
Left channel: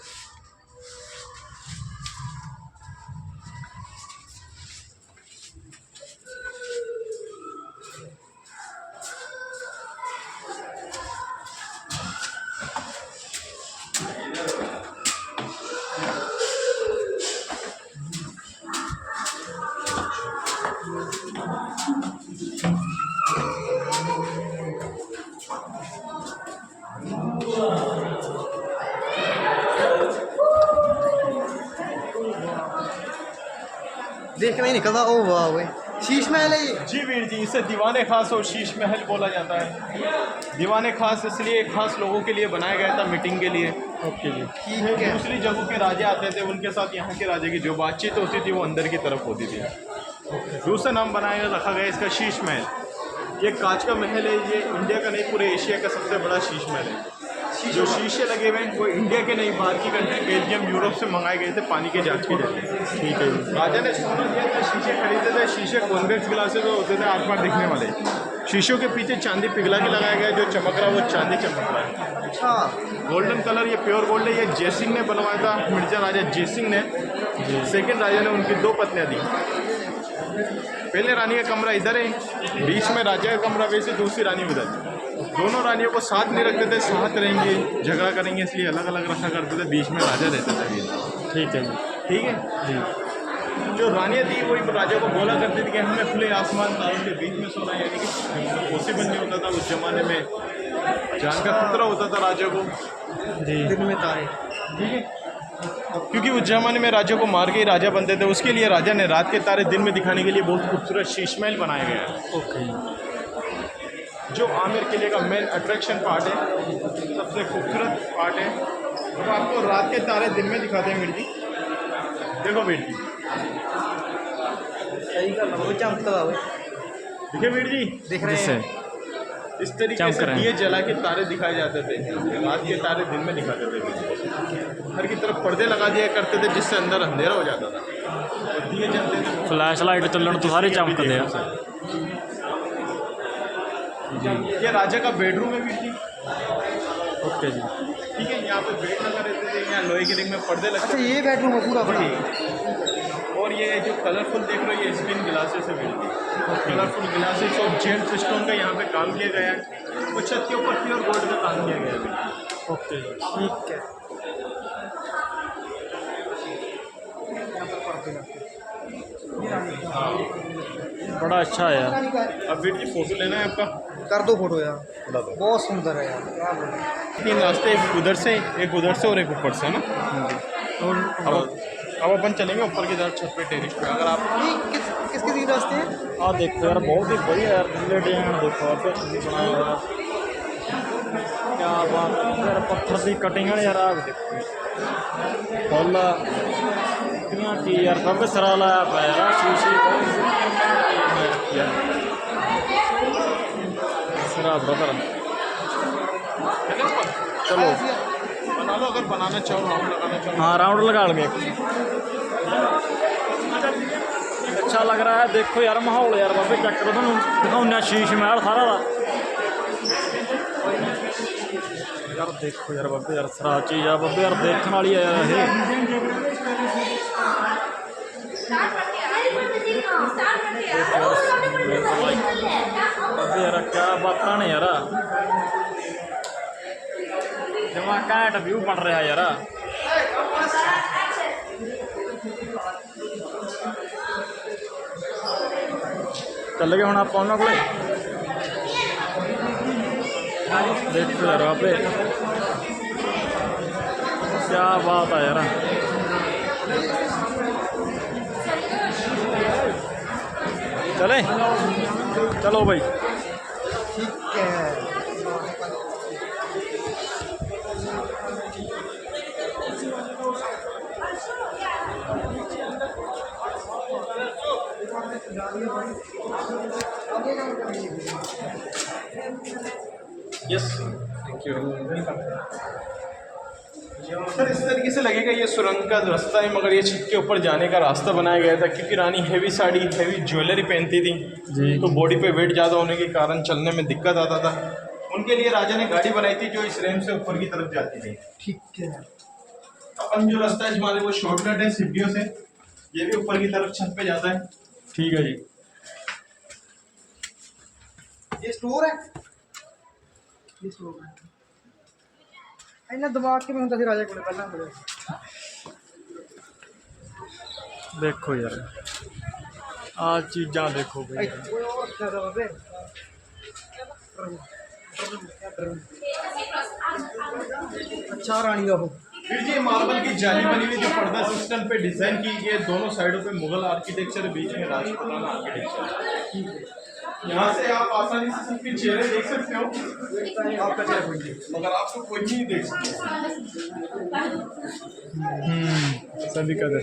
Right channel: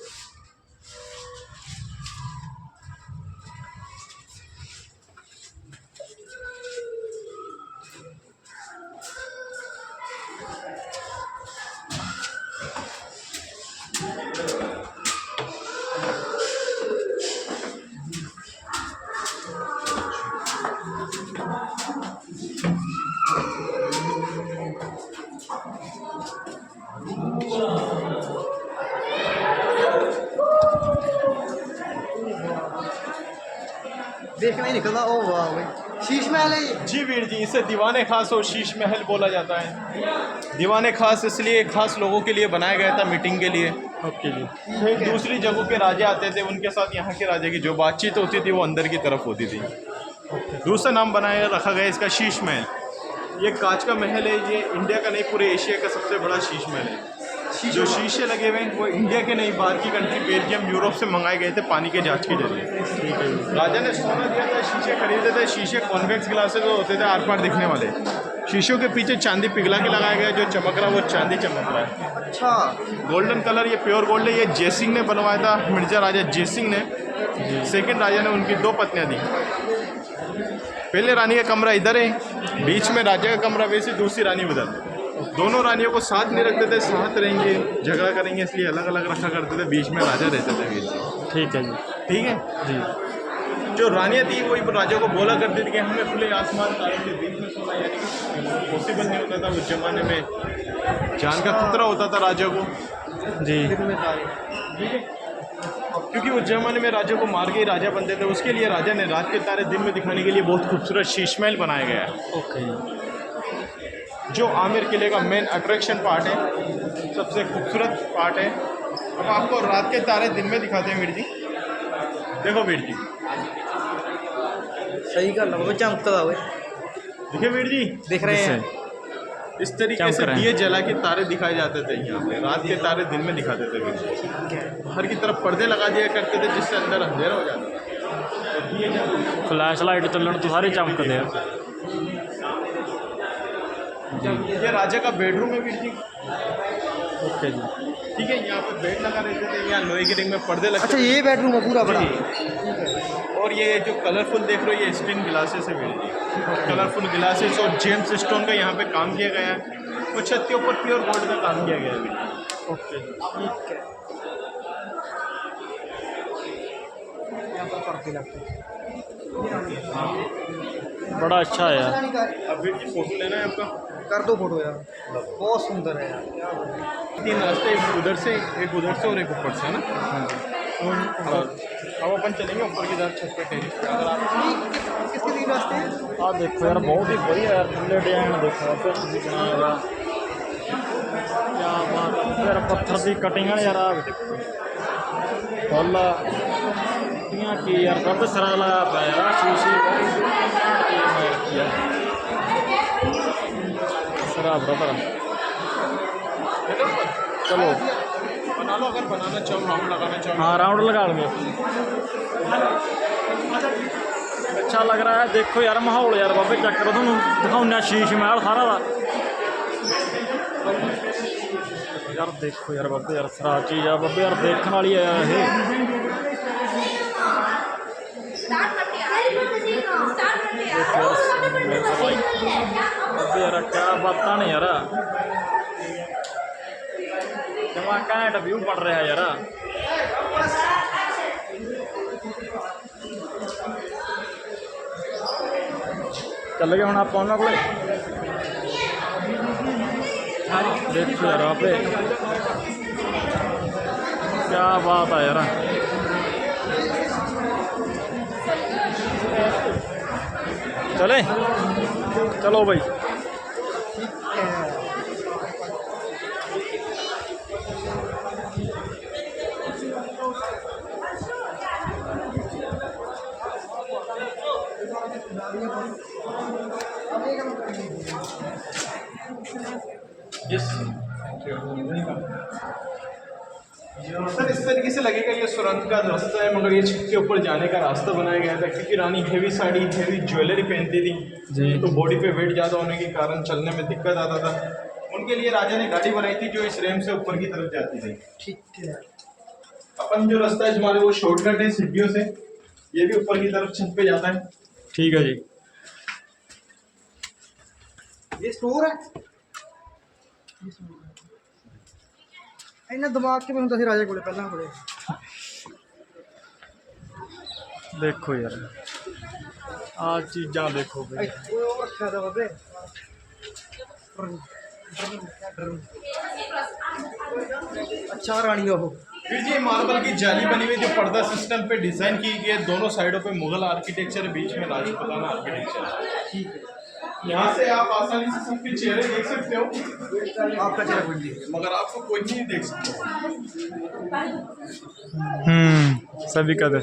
देखना ही निकला। ओ वाह भाई, शीश महल है ये। जी वीर जी, इसे दीवाने खास और शीश महल बोला जाता है। दीवाने खास इसलिए खास लोगों के लिए बनाया गया था, मीटिंग के लिए। ओके जी। दूसरी जगहों के राजा आते थे, उनके साथ यहाँ के राजा की जो बातचीत होती थी वो अंदर की तरफ होती थी। दूसरा नाम बनाया रखा गया इसका शीश महल। ये कांच का महल है, ये इंडिया का नहीं पूरे एशिया का सबसे बड़ा शीश महल है। जो शीशे लगे हुए हैं वो इंडिया के नहीं, बाहर की कंट्री बेल्जियम, यूरोप से मंगाए गए थे पानी के जांच के लिए। ठीक है। राजा ने सोना दिया था, शीशे खरीदे थे। शीशे कॉन्वेक्स ग्लासेस होते थे, आर पार दिखने वाले। शीशों के पीछे चांदी पिघला के लगाया गया, जो चमक रहा वो चांदी चमक रहा है। अच्छा, गोल्डन कलर, ये प्योर गोल्ड है। ये जयसिंह ने बनवाया था, मिर्जा राजा जयसिंह ने। सेकेंड राजा ने, उनकी 2 पत्नियां थी। पहले रानी का कमरा इधर है, बीच में राजा का कमरा, वैसे दूसरी रानी उधर। दोनों रानियों को साथ नहीं रखते थे, साथ रहेंगे झगड़ा करेंगे इसलिए अलग अलग रखा करते थे। बीच में राजा रहते थे। ठीक है जी, ठीक है जी। जो रानियाँ थी वही राजा को बोला करती थी कि हमें खुले आसमान तारों के बीच में सोना, यानी कि पॉसिबल नहीं होता था उस जमाने में, जान का खतरा होता था राजा को जी। दिन में तारे। ठीक है। क्योंकि उस जमाने में राजा को मार के ही राजा बनते थे, उसके लिए राजा ने रात के तारे दिन में दिखाने के लिए बहुत खूबसूरत शीश महल बनाया गया है, ओके जो आमेर किले का मेन अट्रैक्शन पार्ट है, सबसे खूबसूरत पार्ट है। हम आपको रात के तारे दिन में दिखाते हैं वीर जी। देखो वीर जी, सही कर वो चमकता हुआ देखिए वीर जी, दिख रहे जिससे हैं। इस तरीके चमक से रहे हैं। दिए जला के तारे दिखाए जाते थे यहाँ पे, रात के तारे दिन में दिखाते थे वीर जी। हर की तरफ पर्दे लगा दिया करते थे जिससे अंदर अंधेरा हो जाता था, तो दिए जलते थे। फ्लैश लाइट ਚੱਲਣ ਤੋਂ ਸਾਰੇ ਚਮਕਦੇ ਆ ये राजा का बेडरूम है वीर जी। ओके जी। ठीक है, यहाँ पे बेड लगा रहते थे, यहाँ लोहे के रिंग में पर्दे लगते अच्छा ये बेडरूम है पूरा थे। अपना। और ये जो कलरफुल देख रहे हो ये स्क्रीन ग्लासेस है वीर जी, कलरफुल ग्लासेस और जेम्स स्टोन का यहाँ पे काम किया गया है, और छत के ऊपर प्योर गोल्ड का काम किया गया है वीर जी। ओके ठीक है। यहाँ पर पर्दे लगते हैं। बड़ा अच्छा है यार। अब वीर जी फोटो लेना है आपका, कर दो फोटो यार, बहुत सुंदर है यार, क्या बोले। तीन रास्ते, एक उधर से और एक ऊपर से ना। हाँ जी। अब अपन चलेंगे ऊपर की तरफ छत पे टेरिस पे। अगर आप ये किसके तीन रास्ते हैं? ਆ ਦੇਖੋ ਯਾਰ ਬਹੁਤ ਹੀ ਵਧੀਆ ਯਾਰ ਥੱਲੇ ਡਿਜ਼ਾਈਨ ਦੇਖੋ ਆਪੇ ਤੁਸੀਂ ਬਣਾਇਆ ਹੋਇਆ ਕਿਆ ਬਾਤ ਹੈ ਯਾਰ ਪੱਥਰ ਦੀ ਕਟਿੰਗ ਹੈ ਯਾਰ ਆ ਵੀ ਦੇਖੋ ਫੁੱਲ ਕਿੰਨੀਆਂ ਕੀ ਯਾਰ ਸਭ ਸਿਰਾ ਲਾਇਆ ਪਿਆ ਯਾਰ ਆਹ ਸ਼ੀਸ਼ੀ ਬਹੁਤ ਘੈਂਟ ਚੀਜ਼ ਮੈਂ ਰੱਖੀ ਆ ਸਿਰਾ ਬ੍ਰਦਰ ਚਲੋ बना लो, अगर बनाना चाहो, राउंड लगाना चाहो। हाँ राउंड लगा लेंगे अच्छा लग रहा है देखो यार माहौल यार बाबे चेक करो तुम दिखाऊँ शीश महल सारा दा यार देखो यार बाबे यार सरा चीज़ आ बाबे यार देखने वाली है यार ये बाबे यार क्या बातां ने यार जमा घैंट व्यू बन रहा यार चल गए हम आप उन्होंने को देखो यार वहाँ पे क्या बात है यार चले चलो भाई ठीक है। Yes, thank you, welcome. Sir इस तरीके से लगेगा ये सुरंग का रास्ता है, मगर ये छत के ऊपर जाने का रास्ता बनाया गया था क्योंकि रानी हेवी साड़ी, हेवी ज्वेलरी पहनती थी जी। तो बॉडी पे वेट ज़्यादा होने के कारण चलने में दिक्कत आता था। उनके लिए राजा ने गाड़ी बनाई थी जो इस रैंप से ऊपर की तरफ जाती थी। ठीक है। अपन जो रास्ता है हमारे वो शॉर्टकट है सीढ़ियों से, ये भी ऊपर की तरफ छत पे जाता है। ठीक है जी ये स्टोर है, ये स्टोर है। इन्हें दिमाग के में होता सी राजा को पहले बड़े देखो यार आ चीज़ा देखो भाई कोई और रखा था बाबे। अच्छा रानी का वो फिर जी मार्बल की जाली बनी हुई जो पर्दा सिस्टम पे डिजाइन की गई है, दोनों साइडों पे मुगल आर्किटेक्चर, बीच में राजपूताना आर्किटेक्चर। यहाँ से आप आसानी से सबके चेहरे देख सकते हो, आपका चेहरा खोलिए। मगर आपको कोई नहीं देख सकता। सभी का दे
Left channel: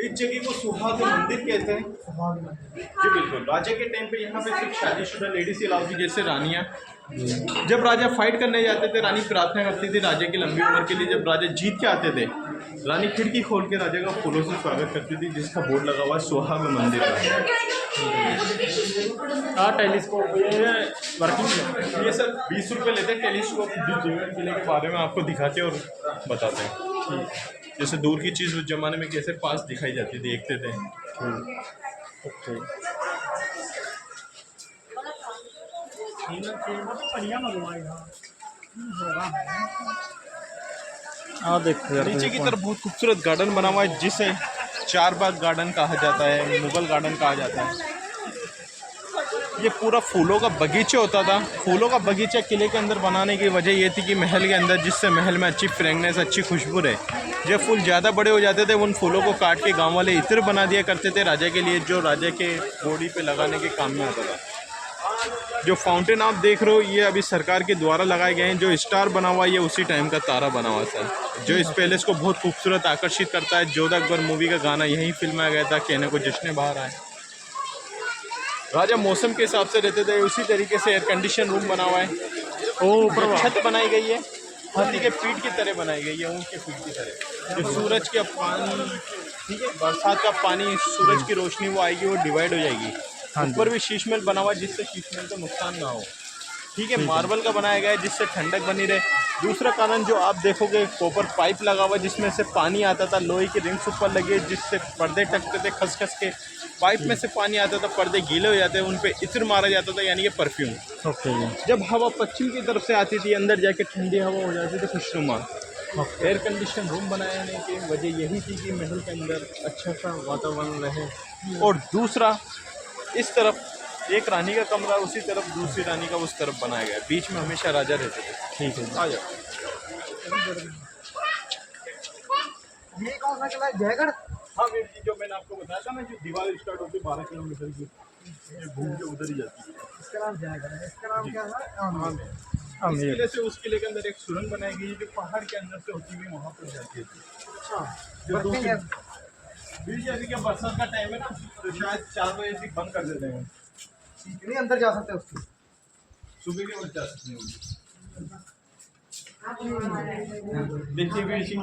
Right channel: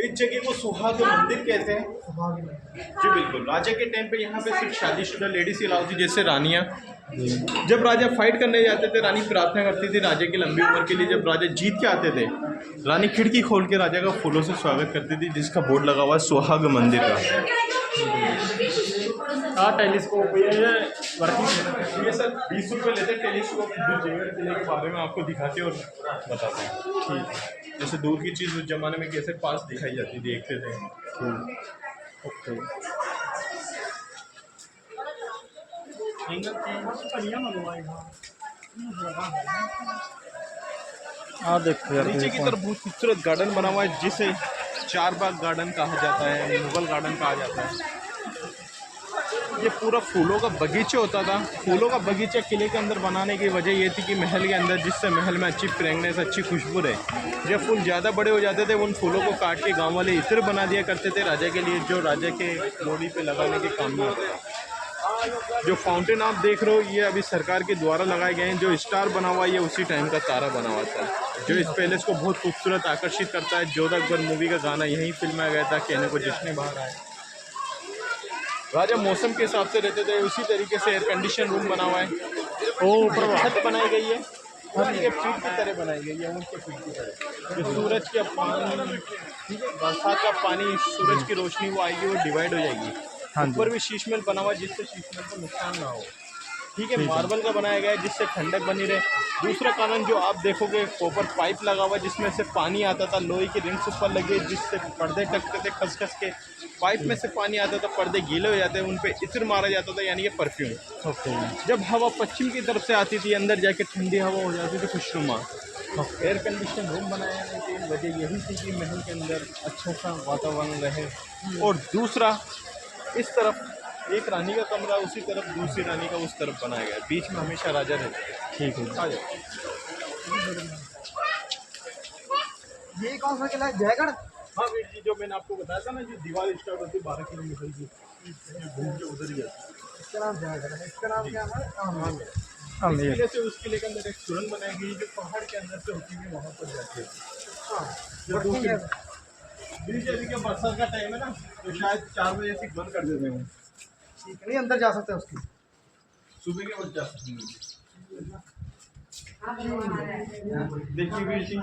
इस जगह को सुहाग मंदिर कहते हैं जी। बिल्कुल, राजा के टाइम पे यहाँ पे सिर्फ शादीशुदा लेडीज ही अलाउ थी, जैसे रानियाँ। जब राजा फाइट करने जाते थे, रानी प्रार्थना करती थी राजा की लंबी उम्र के लिए। जब राजा जीत के आते थे, रानी खिड़की खोल के राजा का फूलों से स्वागत करती थी, जिसका बोर्ड लगा हुआ है सुहाग मंदिर का। हाँ टेलीस्कोप ये वर्किंग ये सर 20 रुपये लेते हैं टेलीस्कोप, जो जेवर किले के बारे में आपको दिखाते हैं और बताते हैं। ठीक, जैसे दूर की चीज़ उस जमाने में कैसे पास दिखाई जाती थी, देखते थे। ओके हाँ देखो यार नीचे की तरफ बहुत खूबसूरत गार्डन बना हुआ है, जिसे चार बाग गार्डन कहा जाता है, मुगल गार्डन कहा जाता है। ये पूरा फूलों का बगीचा होता था। फूलों का बगीचा किले के अंदर बनाने की वजह ये थी कि महल के अंदर, जिससे महल में अच्छी फ्रेगनेस, अच्छी खुशबू रहे। जब फूल ज़्यादा बड़े हो जाते थे उन फूलों को काट के गांव वाले इत्र बना दिया करते थे राजा के लिए, जो राजा के बॉडी पे लगाने के काम में आता था। जो फाउंटेन आप देख रहे हो ये अभी सरकार के द्वारा लगाए गए हैं। जो स्टार बना हुआ है ये उसी टाइम का तारा बना हुआ था, जो इस पैलेस को बहुत खूबसूरत आकर्षित करता है। जोधा अकबर मूवी का गाना यहीं फिल्माया गया था, कहने को जिसने बाहर आए। राजा मौसम के हिसाब से रहते थे। उसी तरीके से एयर कंडीशन रूम बना हुआ है। ऊपर छत बनाई गई है, हाथी के पीठ की तरह बनाई गई है, ऊँट के पीठ की तरह। जो सूरज का पानी, ठीक है, बरसात का पानी, सूरज की रोशनी वो आएगी, वो डिवाइड हो जाएगी। ऊपर भी शीशमहल बना हुआ है जिससे शीशमहल को नुकसान ना हो, ठीक है। मार्बल का बनाया गया है जिससे ठंडक बनी रहे। दूसरा कारण जो आप देखोगे, कॉपर पाइप लगा हुआ है जिसमें से पानी आता था। लोहे की रिंग्स ऊपर लगे जिससे पर्दे टकते थे खस खस के। पाइप में से पानी आता था, पर्दे गीले हो जाते, उन पे इत्र मारा जाता था, यानी कि परफ्यूम। ओके। जब हवा पश्चिम की तरफ से आती थी अंदर जाके ठंडी हवा हो जाती थी खुशनुमा। एयर कंडीशन रूम बनाने की वजह यही थी कि महल के अंदर अच्छा सा वातावरण रहे। और दूसरा, इस तरफ एक रानी का कमरा, उसी तरफ दूसरी रानी का उस तरफ बनाया गया। बीच में हमेशा राजा रहते थे। ठीक है। आ जाओ। ये कौन सा किला है, जयगढ़? हाँ वीर जी, जो मैंने आपको बताया था ना, जो दीवार स्टार्ट होती है 12 किलोमीटर की, ये घूम के उधर ही जाती है। इसका नाम जयगढ़ है। इसका नाम क्या है? हाँ, इस अमीर। किले से उस किले के अंदर एक सुरंग बनाई गई जो पहाड़ के अंदर से होती हुई वहाँ पर जाती है। जो वर्किंग है। बीच अभी के बरसात का टाइम है ना, तो शायद 4 बजे से बंद कर देते हैं। ठीक है, नहीं अंदर जा सकते उसकी। सुबह के वक्त जा सकते हैं। देखिए वीर जी,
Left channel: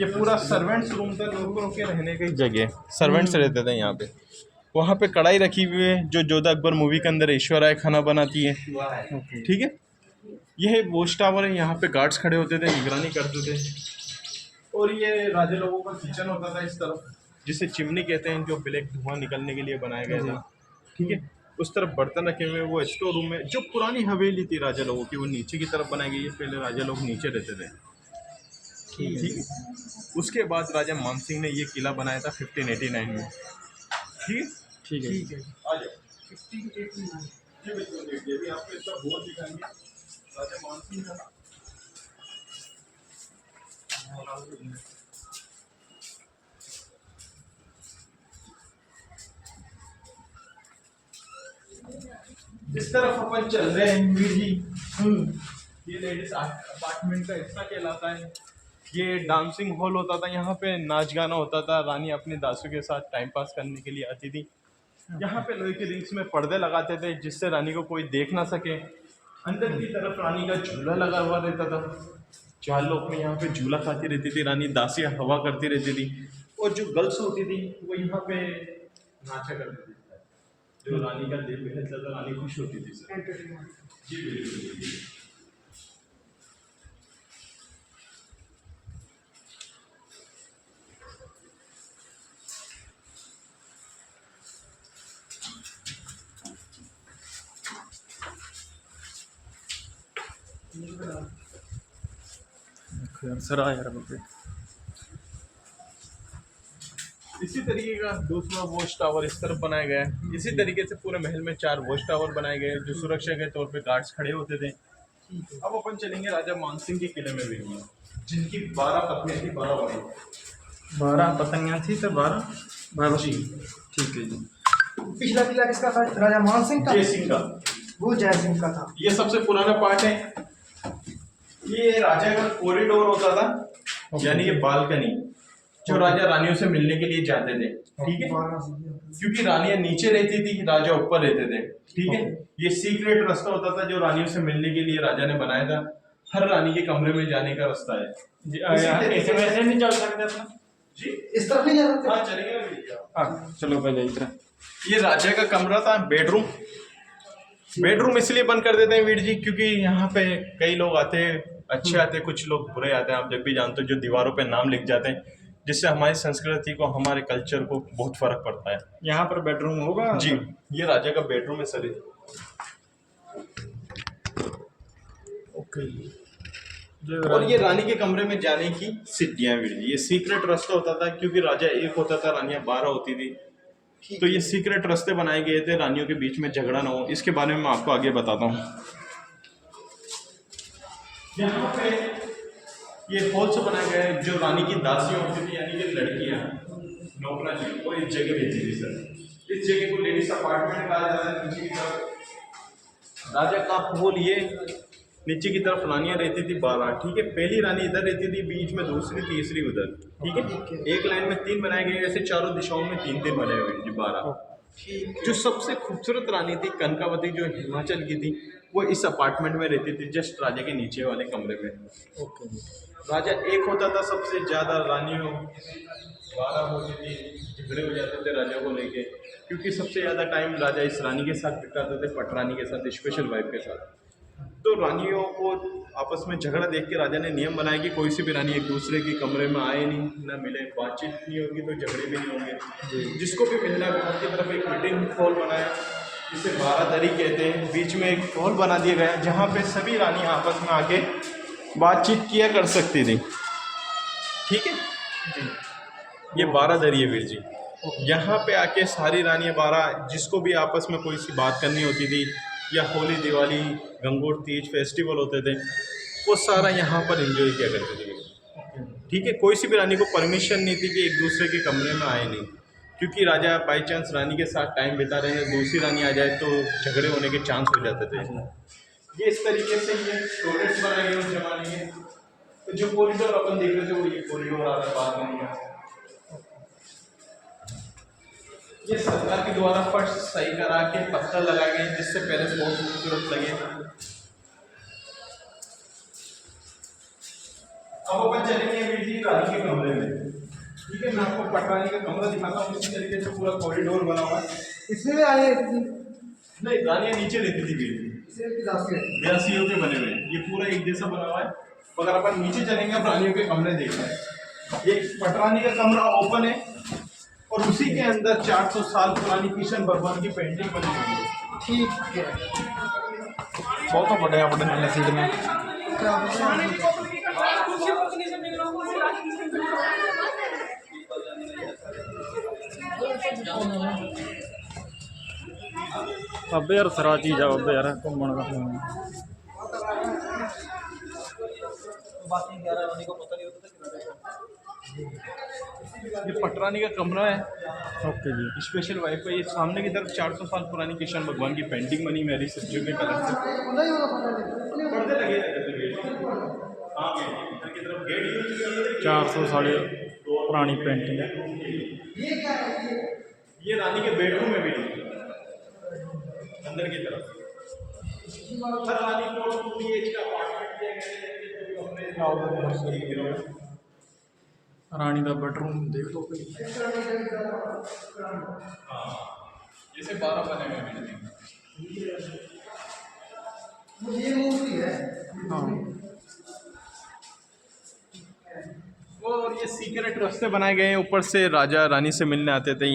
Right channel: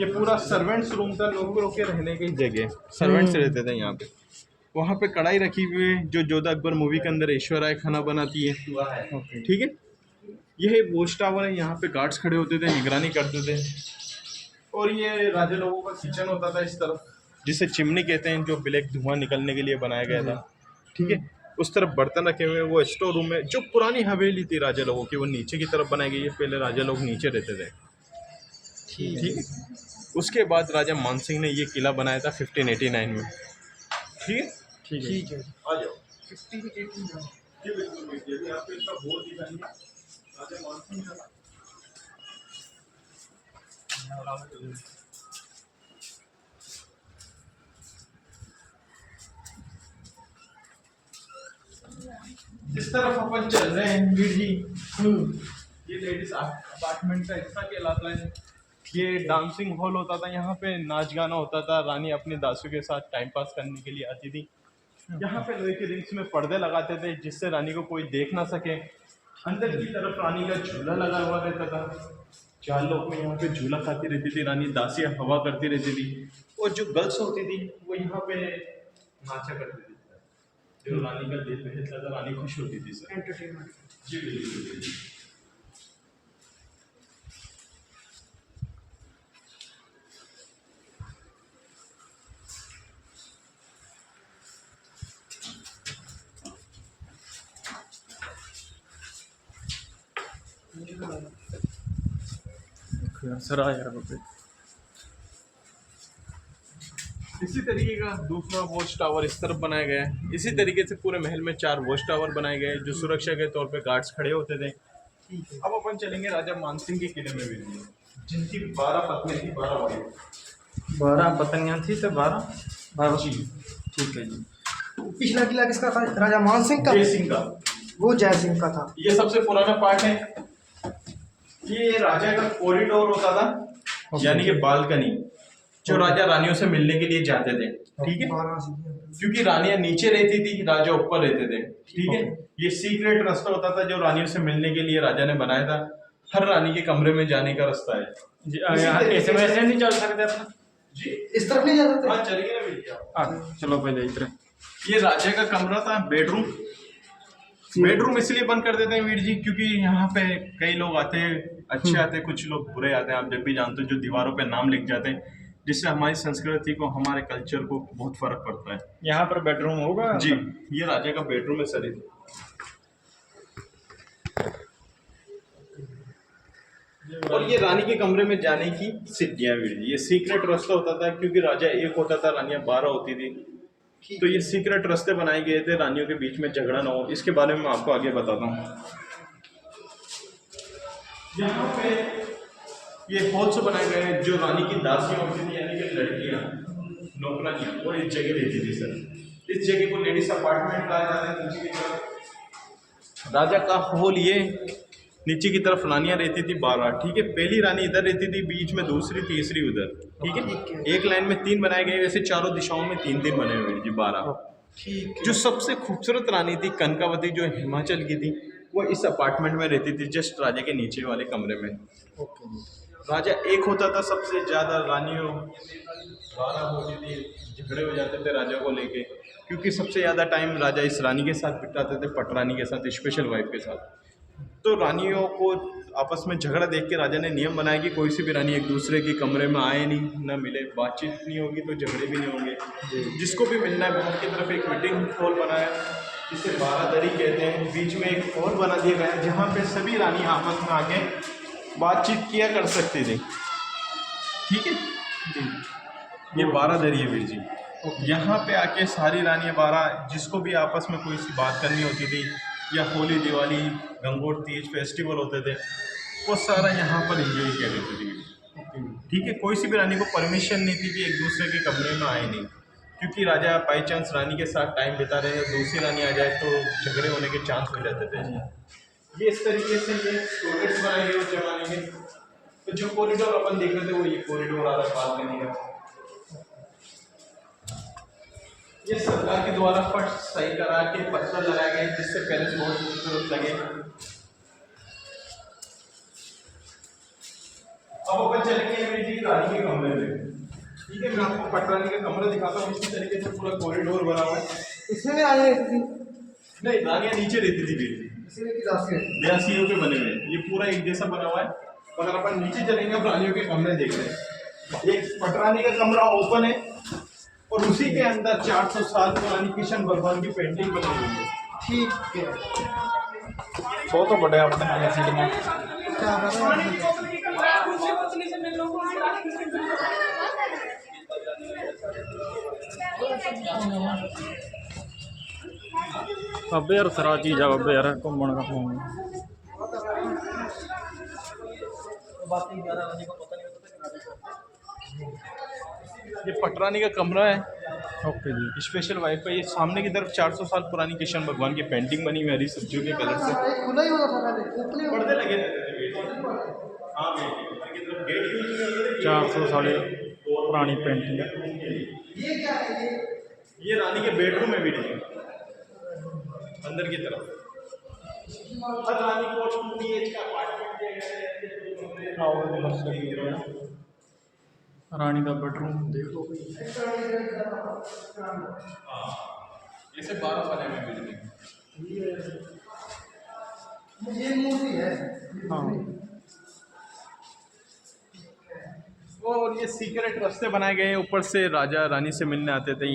ये पूरा सर्वेंट्स रूम था, नौकरों के रहने की जगह। सर्वेंट्स रहते थे यहाँ पे। वहाँ पे कढ़ाई रखी हुई है जो जोधा अकबर मूवी के अंदर ऐश्वर्या खाना बनाती है, ठीक है। यह वॉच टावर है, यहाँ पे गार्ड्स खड़े होते थे, निगरानी करते थे। और ये राजा लोगों का किचन होता था इस तरफ, जिसे चिमनी कहते हैं, जो ब्लैक धुआं निकलने के लिए बनाया गया था, ठीक है। उस तरफ बर्तन रखे हुए हैं, वो स्टोर रूम है। जो पुरानी हवेली थी राजा लोगों की, वो नीचे की तरफ बनाई गई है। पहले राजा लोग नीचे रहते थे, ठीक है। उसके बाद राजा मानसिंह ने ये किला बनाया था 1589 में, ठीक है। ठीक है। ठीक है। आ जाओ। 1589। जी बिल्कुल, ये भी आपको इसका बोर्ड दिखाएंगे। राजा मानसिंह का जिस तरफ अपन चल रहे हैं वीर जी, ये लेडीज अपार्टमेंट का हिस्सा कहलाता है। ये डांसिंग हॉल होता था, यहाँ पे नाच गाना होता था। रानी अपने दासों के साथ टाइम पास करने के लिए आती थी। यहाँ पे लोहे की रिंग्स में पर्दे लगाते थे जिससे रानी को कोई देख ना सके। अंदर की तरफ रानी का झूला लगा हुआ रहता था। 4 लोग में यहाँ पे झूला खाती रहती थी रानी, दासियाँ हवा करती रहती थी। और जो गर्ल्स होती थी वो यहाँ पे नाचा करती थी, जो रानी का दिल बहलता था, रानी खुश होती थी सर। एंटरटेनमेंट। जी बिल्कुल। देखो यार सर यार बापरे। इसी तरीके का दूसरा वॉच टावर इस तरफ बनाया गया है। इसी तरीके से पूरे महल में 4 वॉच टावर बनाए गए हैं जो सुरक्षा के तौर पे गार्ड्स खड़े होते थे। ठीक है। अब अपन चलेंगे राजा मानसिंह के किले में भी, जिनकी 12 पत्नियां थी, 12 वाइफ। 12 पतंगियाँ थी तो 12 जी ठीक है जी। पिछला किला किसका था? राजा मान सिंह का। जय सिंह का। वो जय सिंह का था। ये सबसे पुराना पार्ट है। ये राजा का कॉरिडोर होता था, यानी कि बालकनी, जो राजा रानियों से मिलने के लिए जाते थे, ठीक है। क्योंकि रानियां नीचे रहती थी, राजा ऊपर रहते थे, ठीक है। ये सीक्रेट रास्ता होता था जो रानियों से मिलने के लिए राजा ने बनाया था। हर रानी के कमरे में जाने का रास्ता है जी। ऐसे वैसे नहीं चल सकते अपना जी। इस तरफ नहीं जा सकते? हाँ चलिए ना भैया। चलो पहले इधर। ये राजा का कमरा था, बेडरूम। बेडरूम इसलिए बंद कर देते हैं वीर जी क्योंकि यहाँ पे कई लोग आते हैं, अच्छे आते हैं, कुछ लोग बुरे आते हैं। आप जब भी जानते हो, जो दीवारों पे नाम लिख जाते हैं, जिससे हमारी संस्कृति को, हमारे कल्चर को बहुत फर्क पड़ता है। यहाँ पर बेडरूम होगा जी, ये राजा का बेडरूम है सर। ओके। और ये रानी के कमरे में जाने की सीढ़ियाँ वीर जी। ये सीक्रेट रास्ता होता था क्योंकि राजा एक होता था, रानियाँ 12 होती थी, तो ये सीक्रेट रास्ते बनाए गए थे रानियों के बीच में झगड़ा ना हो, इसके बारे में मैं आपको आगे बताता हूँ। यहाँ पे ये हॉल से बनाए गए हैं जो रानी की दासियां होती थी, यानी कि लड़कियां नौकरानी, वो इस जगह रहती थी सर। इस जगह को लेडीज अपार्टमेंट कहा जाता है। नीचे की तरफ राजा का हॉल, ये नीचे की तरफ रानियां रहती थी 12, ठीक है। पहली रानी इधर रहती थी, बीच में दूसरी, तीसरी उधर, ठीक है। एक लाइन में 3 बनाए गए, वैसे चारों दिशाओं में 3 बने हुए जी 12। ठीक। जो सबसे खूबसूरत रानी थी कनकावती, जो हिमाचल की थी, वो इस अपार्टमेंट में रहती थी, जस्ट राजा के नीचे वाले कमरे में। ओके जी। राजा एक होता था, सबसे ज़्यादा रानियों 12 होती थी, झगड़े हो जाते थे राजा को लेके, क्योंकि सबसे ज़्यादा टाइम राजा इस रानी के साथ बिताते थे, पटरानी के साथ, स्पेशल वाइफ के साथ। तो रानियों को आपस में झगड़ा देख के राजा ने नियम बनाया कि कोई सी भी रानी एक दूसरे के कमरे में आए नहीं, ना मिले, बातचीत नहीं होगी तो झगड़े भी नहीं होंगे। जिसको भी मिलना है उनकी तरफ एक मीटिंग हॉल बनाए, जिसे 12 दरी कहते हैं। बीच में एक हॉल बना दिया गया है जहाँ पे सभी रानी आपस में आके बातचीत किया कर सकती थी, ठीक है जी। ये 12 दरी है वीर जी। यहाँ पे आके सारी रानियाँ 12, जिसको भी आपस में कोई सी बात करनी होती थी, या होली, दिवाली, गंगोर तीज फेस्टिवल होते थे, वो सारा यहाँ पर एंजॉय किया करते थे, ठीक है। कोई सी भी रानी को परमिशन नहीं थी कि एक दूसरे के कमरे में आए नहीं, क्योंकि राजा बाई चांस रानी के साथ टाइम बिता रहे हैं, दूसरी रानी आ जाए तो झगड़े होने के चांस हो जाते थे। ये इस तरीके से ये टॉयलेट्स बनाए गए उस जमाने के। तो जो कॉरिडोर अपन देख रहे थे वो ये कॉरिडोर आ रहा है बालकनी का। ये सरकार के द्वारा फर्श सही करा के पत्थर लगाए गए, जिससे पैलेस बहुत खूबसूरत लगे। अब अपन चलेंगे वीर जी रानी के कमरे में, ठीक है। मैं आपको पटरानी का कमरा दिखाता हूँ। इसी तरीके से पूरा कॉरिडोर बना हुआ है। इसमें भी रानी रहती थी? नहीं, रानियाँ नीचे रहती थी वीर जी, दासियों के बने हुए। ये पूरा एक जैसा बना हुआ है। अगर अपन नीचे चलेंगे अब रानियों के कमरे देखते हैं। एक पटरानी का कमरा ओपन है और उसी के अंदर 400 साल पुरानी किशन भगवान की पेंटिंग बनी हुई है, ठीक है। बहुत बड़े अपने सीट में क्या बाबे यार सरा चीज़ आ बाबे यार घूमन का। ये पटरानी का कमरा है। ओके जी। Special wifi. ये सामने की तरफ 400 साल पुरानी किशन भगवान की पेंटिंग बनी हुई है सब्जियों के कलर से। पर्दे लगे रहते थे। हाँ, की तरफ गेट यूज 400 साल पुरानी पेंटिंग है। ये क्या है? ये रानी के बेडरूम में भी नहीं, अंदर की तरफ हर रानी को 2 BH का अपार्टमेंट दिया गया है। रानी का बेडरूम देख लो। जैसे 12 बने हुए बिल्डिंग। ये मूर्ति है। हाँ। और ये सीक्रेट रास्ते बनाए गए हैं, ऊपर से राजा रानी से मिलने आते थे,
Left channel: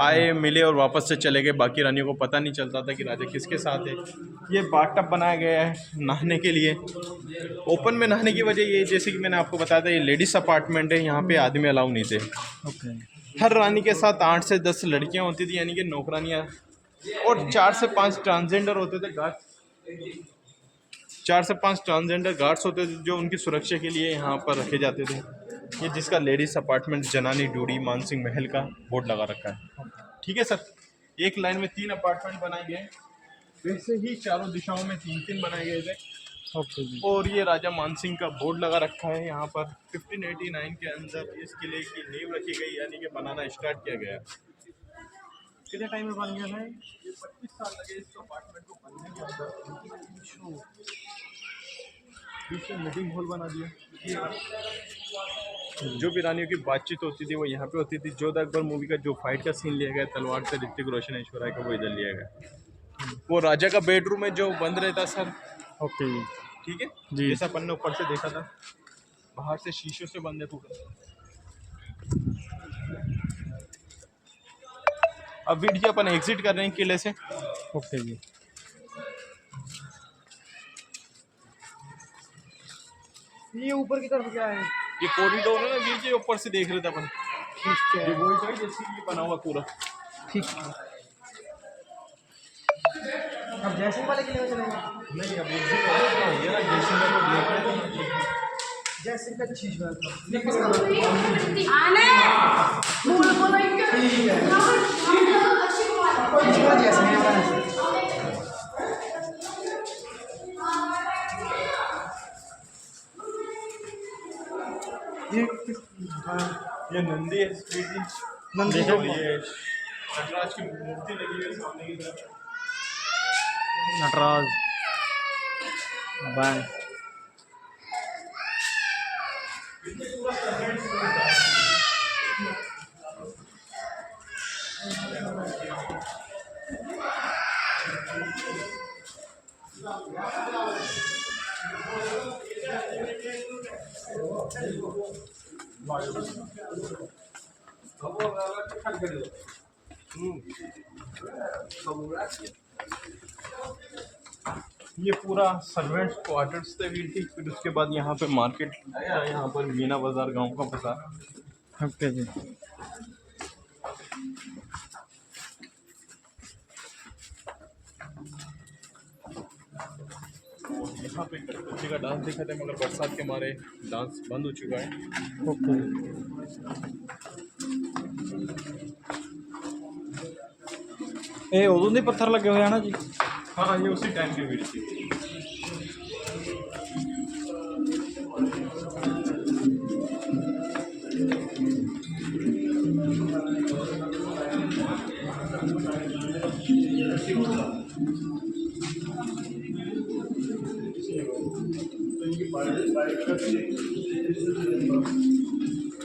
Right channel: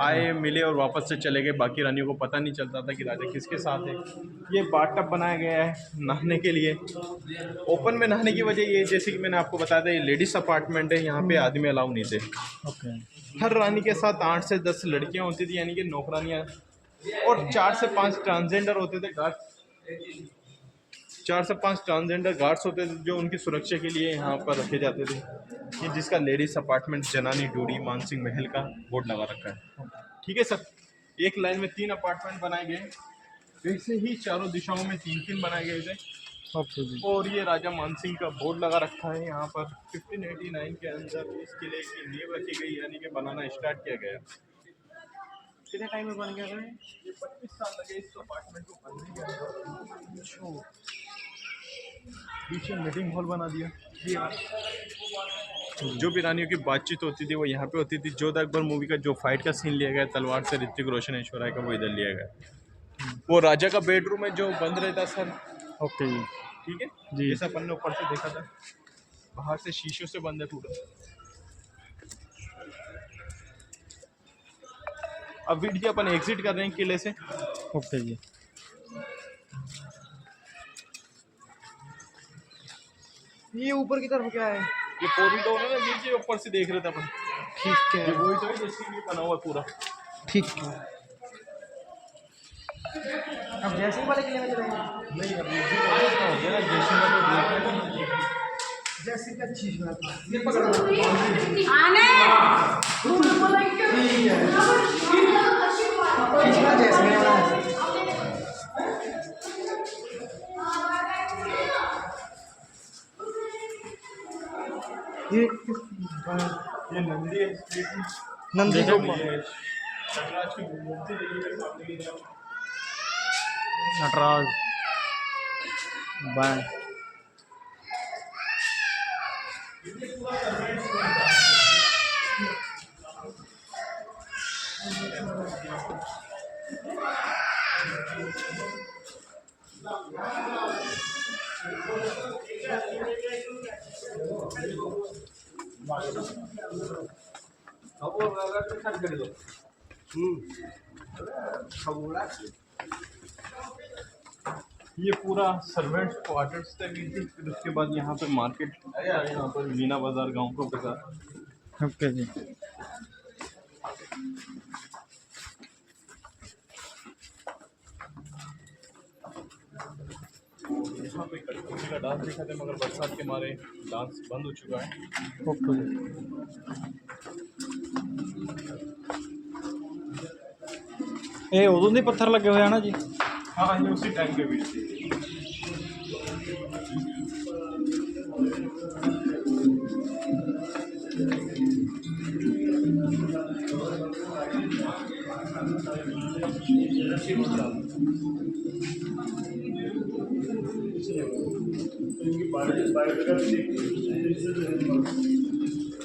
आए मिले और वापस से चले गए। बाकी रानियों को पता नहीं चलता था कि राजा किसके साथ है। ये बाथटब बनाया गया है नहाने के लिए। ओपन में नहाने की वजह ये, जैसे कि मैंने आपको बताया था, ये लेडीज अपार्टमेंट है, यहाँ पे आदमी अलाउ नहीं थे। ओके। हर रानी के साथ 8 से 10 लड़कियाँ होती थी, यानी कि नौकरानियाँ, और 4 से 5 ट्रांसजेंडर होते थे गार्ड्स। 4 से 5 ट्रांसजेंडर गार्ड्स होते थे जो उनकी सुरक्षा के लिए यहाँ पर रखे जाते थे। ये जिसका लेडीज अपार्टमेंट जनानी डूडी मानसिंह महल का बोर्ड लगा रखा है, ठीक है सर। एक लाइन में 3 अपार्टमेंट बनाए गए, वैसे ही चारों दिशाओं में 3-3 बनाए गए थे। ओके जी। और ये राजा मानसिंह का बोर्ड लगा रखा है यहाँ पर। 1589 के अंदर इस किले की नींव रखी गई, यानी कि बनाना स्टार्ट किया गया। कितने टाइम में बन गया था ये? 25 साल लगे इस अपार्टमेंट को बनने के अंदर। पीछे मीटिंग हॉल बना दिया। जो भी रानियों की बातचीत होती थी वो यहाँ पे होती थी। जोधा अकबर मूवी का जो फाइट का सीन लिया गया तलवार से ऋतिक रोशन ऐश्वर्या का, वो इधर लिया गया। वो राजा का बेडरूम है जो बंद रहता सर। ओके जी। ठीक है जी। जैसा अपन ने ऊपर से देखा था, बाहर से शीशों से बंद है पूरा। अब वीर जी अपन एग्जिट कर रहे हैं किले से। ओके जी। ये ऊपर की तरफ क्या है? ये कॉरिडोर है ना वीर जी, ऊपर से देख रहे थे अपन। ठीक है। ये वही था जैसे ये बना हुआ पूरा। ठीक है। अब जैसे वाले किले में चलेंगे। नहीं अब हो गया जैसे का चीज में था ये पकड़ लो। ठीक है इसका जैसे में था। ये नंदी है स्वीटी नंदी देखा? ये नटराज की मूर्ति लगी है सामने की तरफ। नटराज बैंक। ये पूरा सर्वेंट्स क्वार्टर्स थे वीर जी। फिर उसके बाद यहाँ पे मार्केट आया, यहाँ पर मीना बाजार गांव का बाजार। ओके जी। यहाँ पे कठपुतली का डांस दिखाते हैं, मगर बरसात के मारे डांस बंद हो चुका है। ओके। ਇਹ ਉਦੋਂ ਦੇ ਪੱਥਰ ਲੱਗੇ ਹੋਏ ਆ ਨਾ ਜੀ। हाँ ये उसी टाइम के वीर जी।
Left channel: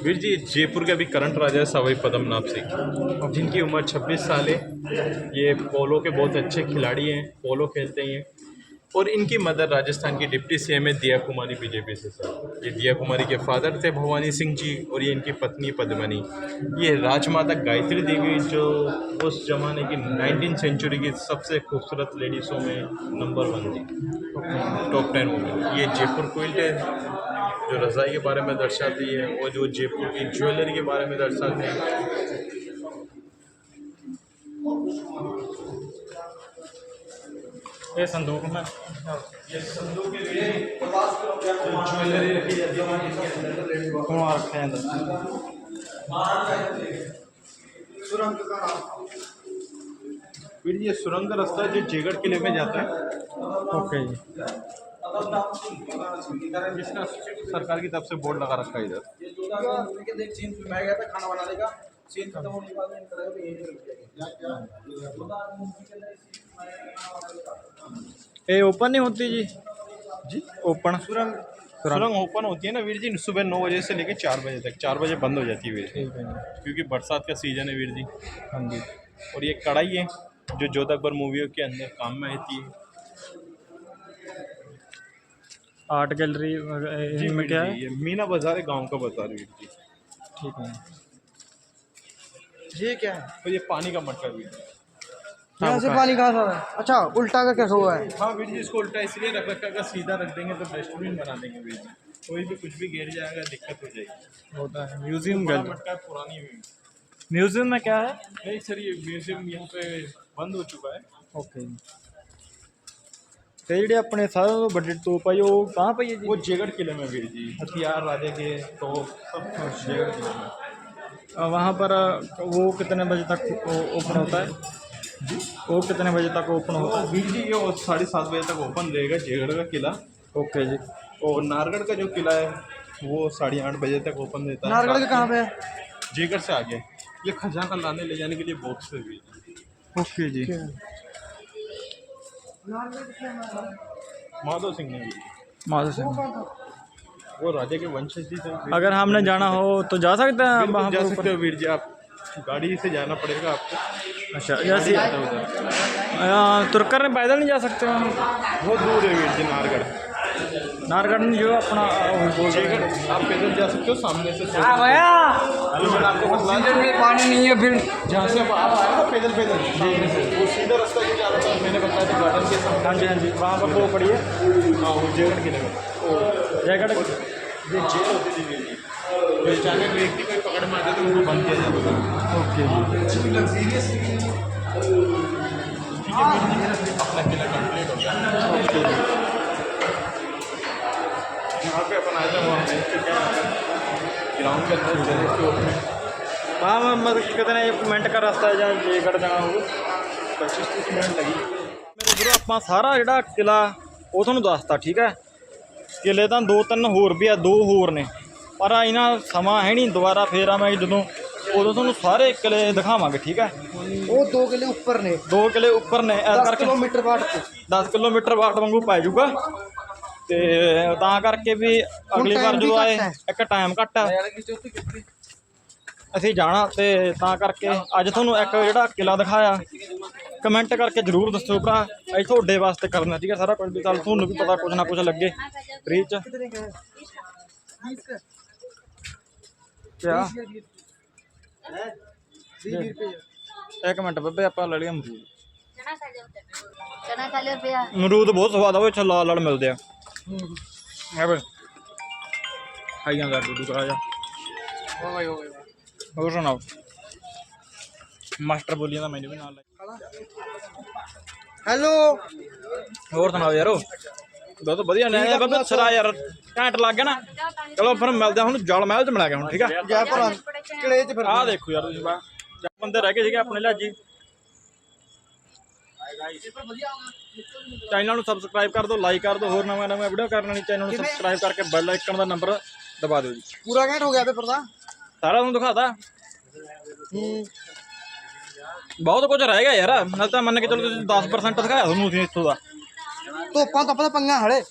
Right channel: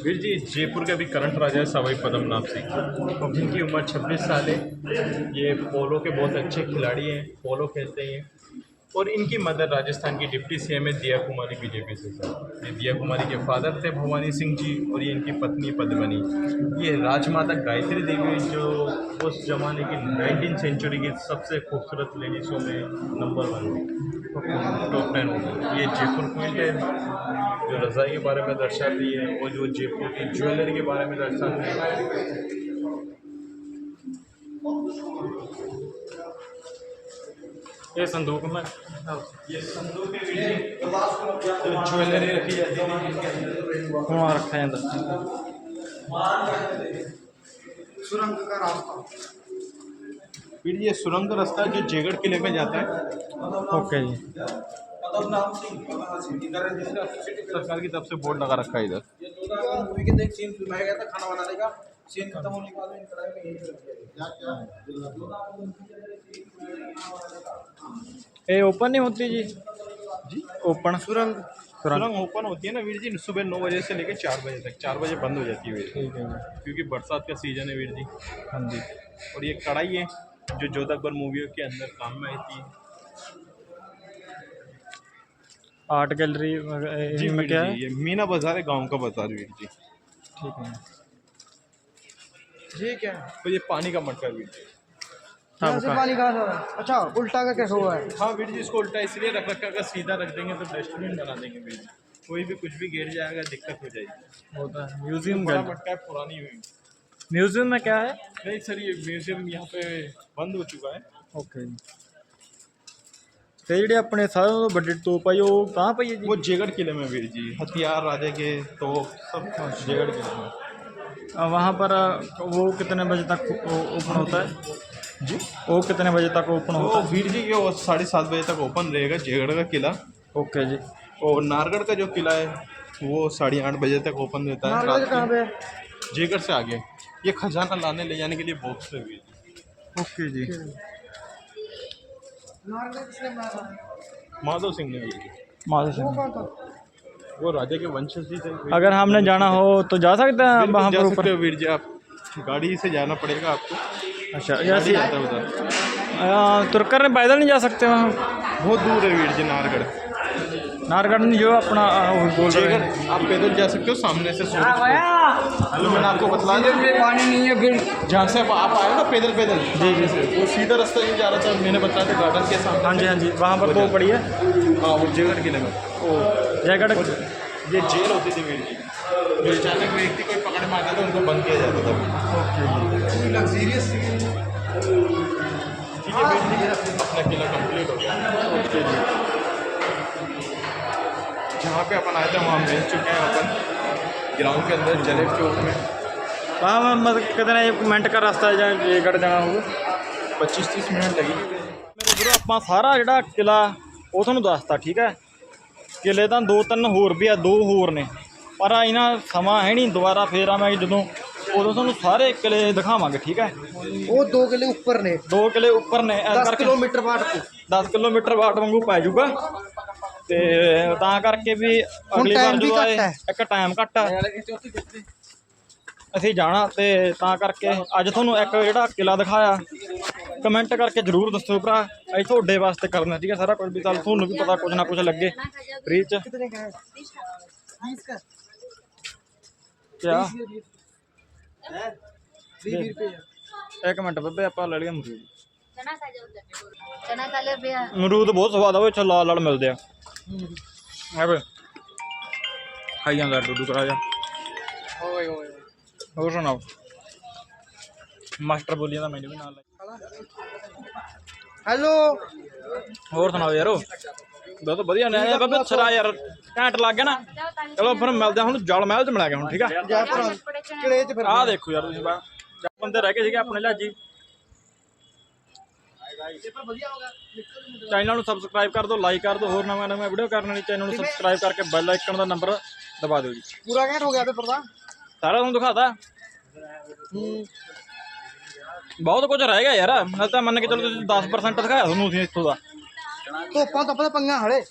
वीर जी जयपुर के अभी करंट राजा है सवाई पद्मनाभ सिंह, जिनकी उम्र 26 साल है। ये पोलो के बहुत अच्छे खिलाड़ी हैं, पोलो खेलते हैं। और इनकी मदर राजस्थान की डिप्टी सीएम है दिया कुमारी बीजेपी से। सर ये दिया कुमारी के फादर थे भवानी सिंह जी, और ये इनकी पत्नी पद्मनी। ये राजमाता गायत्री देवी जो उस जमाने की 19th सेंचुरी की सबसे खूबसूरत लेडीज़ों में नंबर 1 थी, टॉप 10 वुमेन। ये जयपुर क्वीन है जो रज़ाई के बारे में दर्शाती है, और जो जयपुर की ज्वेलरी के बारे में दर्शाती है। ये संदूक में ये संदूक ज्वेलरी रखी जाती है इसके अंदर। कौन रखा है अंदर? सुरंग का रास्ता। फिर ये सुरंग का रास्ता जो जयगढ़ किले में जाता है। ओके जी। सरकार की तरफ से बोर्ड लगा रखा है इधर। मूवी के देख सीन फिल्माया गया था खाना बनाने का। सीन खत्म होने के बाद में इनका को यहीं पे रख दिया गया। ये ओपन नहीं होती जी? जी ओपन सुरंग सुरंग ओपन होती है ना वीर जी, सुबह 9 बजे से लेकर 4 बजे तक। 4 बजे बंद हो जाती है वीर जी, ठीक है जी। क्योंकि बरसात का सीजन है वीर जी। हाँ जी। और ये कढ़ाई है जो जोधा अकबर मूवियों के अंदर काम में आती है। आर्ट गैलरी जी में वीर क्या जी, है? ये मीना बाजार है, गांव का बाजार वीर जी। ठीक है। ये क्या तो ये पानी का मटका वीर जी। यहाँ से पानी कहाँ था? अच्छा उल्टा का कैसे हुआ है? हाँ वीर जी, इसको उल्टा इसलिए रख रखा, अगर सीधा रख देंगे तो डस्टबिन बना देंगे वीर जी। कोई भी कुछ भी गिर जाएगा दिक्कत हो जाएगी। होता है म्यूजियम बड़ा गैलरी। मटका है, पुरानी हुई। म्यूजियम में क्या है? नहीं सर, ये म्यूजियम यहाँ पे बंद हो चुका है। ਓਕੇ ਜੀ। ਤੇ ਜਿਹੜੇ ਆਪਣੇ ਸਾਰਿਆਂ ਤੋਂ ਵੱਡੀ ਤੋਪ ਆ ਜੀ ਉਹ ਕਹਾਂ ਪਈ ਹੈ ਜੀ? वो जयगढ़ किले में वीर जी, हथियार राजा के तो सब जयगढ़ किले में। वहाँ पर वो कितने बजे तक ओपन होता है जी वो कितने बजे तक ओपन तो होता है? वीर जी ये 7:30 बजे तक ओपन रहेगा जयगढ़ का किला। ओके जी। और नारगढ़ का जो किला है वो 8:30 बजे तक ओपन रहता है। नारगढ़ के कहाँ पे? जयगढ़ से आगे ये खजाना लाने ले जाने के लिए बॉक्स है वीर जी। ओके जी। नारगढ़ किसने मारा? माधव सिंह ने वीर जी, माधव सिंह। कौन था? वो राजा के वंशज ही थे। अगर हमने जाना हो तो जा सकते हैं बिल्कुल वहाँ जा पर सकते ऊपर? हो वीर जी, आप गाड़ी से जाना पड़ेगा आपको। अच्छा गाड़ी जैसे जाता है उधर। तुरकर में पैदल नहीं जा सकते वहाँ? बहुत दूर है वीर जी नारगढ़। नारगढ़ में जो अपना वो बोल रहे हैं। जयगढ़ आप पैदल जा सकते हो, सामने से 100 मैंने आपको बताया में पानी नहीं है फिर। जहाँ से आप आए ना पैदल पैदल जी जी। वो सीधा रास्ता ये जा रहा था, मैंने बताया था गार्डन के सामने। हाँ जी हाँ जी, वहाँ पर तो पड़ी है हाँ वो जयगढ़ किले में। जयगढ़ ये जेल होती थी मेरी जी। जिस टाइम में व्यक्ति कोई पकड़ में आता था उनको बंद किया जाता था। ओके जी ठीक है अपना किला कंप्लीट हो गया। ओके जी जहाँ पे अपन आए थे वहाँ मिल चुके हैं अपन ग्राउंड के अंदर चले चौक में। हाँ मैं मतलब कितने मिनट का रास्ता है ਜਾਂ ਜੇਗੜ ਜਾਣਾ ਹੋਊ 25-30 मिनट लगी। ਮੇਰੇ ਵੀਰੋ ਆਪਾਂ ਸਾਰਾ ਜਿਹੜਾ ਕਿਲਾ ਉਹ ਤੁਹਾਨੂੰ ਦੱਸਤਾ ਠੀਕ ਹੈ। ਕਿਲੇ ਤਾਂ 2-3 ਹੋਰ ਵੀ ਆ, 2 ਹੋਰ ਨੇ ਪਰ ਇਹਨਾਂ ਸਮਾਂ ਹੈ ਨਹੀਂ, ਦੁਬਾਰਾ ਫੇਰ ਆਵਾਂਗੇ ਜਦੋਂ, ਉਦੋਂ ਤੁਹਾਨੂੰ ਸਾਰੇ ਕਿਲੇ ਦਿਖਾਵਾਂਗੇ ਠੀਕ ਹੈ। वो 2 किले ऊपर ने 2 ਕਿਲੇ ਉੱਪਰ ਨੇ ਇਸ 10 ਕਰਕੇ किलोमीटर बाट को 10 ਕਿਲੋਮੀਟਰ ਵਾਟ ਵਾਂਗੂ ਪੈ ਜਾਊਗਾ ਤੇ ਤਾਂ ਕਰਕੇ ਵੀ ਅਗਲੀ ਵਾਰ time ਵੀ ਜਦੋਂ ਆਏ ਘੱਟ ਹੈ। ਇੱਕ ਟਾਈਮ ਘੱਟ ਆ ਅਸੀਂ ਜਾਣਾ ਤੇ ਤਾਂ ਕਰਕੇ ਅੱਜ ਤੁਹਾਨੂੰ ਇੱਕ ਜਿਹੜਾ ਕਿਲਾ ਦਿਖਾਇਆ ਕਮੈਂਟ ਕਰਕੇ ਜ਼ਰੂਰ ਦੱਸੋ ਭਰਾ, ਅਸੀਂ ਤੁਹਾਡੇ ਵਾਸਤੇ ਕਰਨਾ ਠੀਕ ਹੈ ਸਾਰਾ ਕੁਝ, ਵੀ ਚੱਲ ਤੁਹਾਨੂੰ ਵੀ ਪਤਾ ਕੁਝ ਨਾ ਕੁਝ ਲੱਗੇ ਫ੍ਰੀ ਚ कितने का है 20 का ਕਿਆ 20 रुपए ਇੱਕ ਮਿੰਟ ਬੱਬੇ ਆਪਾਂ ਲੈ ਲਿਆ ਅਮਰੂਦ। चना खा ले भैया ਅਮਰੂਦ ਬਹੁਤ ਸਵਾਦ ਆ ਉਹ ਇੱਥੇ ਲਾਲ ਲਾਲ ਮਿਲਦੇ ਆ। ਆ ਵੇ ਖਾਈ ਜਾਂਦਾ ਡੂਡੂ ਕਰਾ ਜਾ। ਹੋਰ ਸੁਣਾਓ ਮਾਸਟਰ ਬੋਲੀਆਂ ਦਾ ਮੈਨੂੰ ਵੀ ਨਾਲ ਲੈ। हेलो ਹੋਰ ਸੁਣਾਓ ਯਾਰੋ ਬਹੁਤ ਵਧੀਆ ਨੇ ਇਹ ਬੱਬੇ ਸਰਾ ਯਾਰ ਘੈਂਟ ਲੱਗ ਗਿਆ ਨਾ। ਚਲੋ ਫਿਰ ਮਿਲਦੇ ਹਾਂ ਹੁਣ ਜਲ ਮਹਿਲ ਚ ਮਿਲਾ ਗਿਆ ਹੁਣ ਠੀਕ ਆ। जयपुर किले च फिर ਆਹ ਦੇਖੋ ਯਾਰ ਤੁਸੀਂ ਬਾ ਬੰਦੇ ਰਹਿ ਗਏ ਸੀਗੇ ਆਪਣੇ ਲਾਜੀ। ਚੈਨਲ ਨੂੰ ਸਬਸਕ੍ਰਾਈਬ ਕਰ ਦਿਓ, ਲਾਈਕ ਕਰ ਦਿਓ, ਹੋਰ ਨਵਾਂ ਨਵਾਂ ਵੀਡੀਓ ਕਰਨ ਲਈ ਚੈਨਲ ਨੂੰ ਸਬਸਕ੍ਰਾਈਬ ਕਰਕੇ ਬੈਲ ਆਈਕਨ ਦਾ ਨੰਬਰ ਦਬਾ ਦਿਓ ਜੀ। पूरा घंटा हो गया पेपर दा ਸਾਰਾ ਤੁਹਾਨੂੰ ਦਿਖਾਤਾ ਬਹੁਤ ਕੁਝ ਰਹਿ ਗਿਆ ਯਾਰ। ਨਾਲ ਤਾਂ ਮੰਨ ਕੇ ਚਲੋ ਤੁਸੀਂ 10% ਦਿਖਾਇਆ ਤੁਹਾਨੂੰ ਅਸੀਂ ਇੱਥੋਂ ਦਾ, ਧੋਪਾਂ ਤਾਂ ਪਤਾ ਪੰਗਾ ਹਲੇ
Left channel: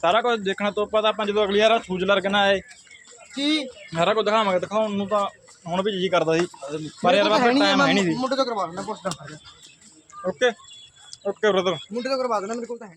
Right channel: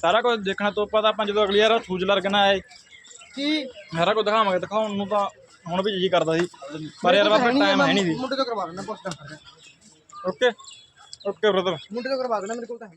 ਸਾਰਾ ਕੁਝ ਦੇਖਣਾ ਤੋਂ ਆਪਾਂ ਤਾਂ ਜਦੋਂ ਅਗਲੀ ਵਾਰ ਸੂਜਲਰ ਕਿਨਾ ਆਏ ਕੀ ਸਾਰਾ ਕੁਝ ਦਿਖਾਵਾਂਗੇ। ਦਿਖਾਉਣ ਨੂੰ ਤਾਂ ਹੁਣ ਵੀ ਜੀ ਕਰਦਾ ਸੀ ਪਰ ਯਾਰ ਬਾਬਾ ਟਾਈਮ ਹੈ ਨਹੀਂ ਸੀ। ਮੁੰਡੇ ਤੋਂ ਕਰਵਾ ਦੇਣਾ ਪੁੱਛਦਾ ਓਕੇ ਓਕੇ ਬ੍ਰਦਰ। ਮੁੰਡੇ ਤੋਂ ਕਰਵਾ ਦੇਣਾ ਮੇਰੇ ਕੋਲ ਤਾਂ ਹੈ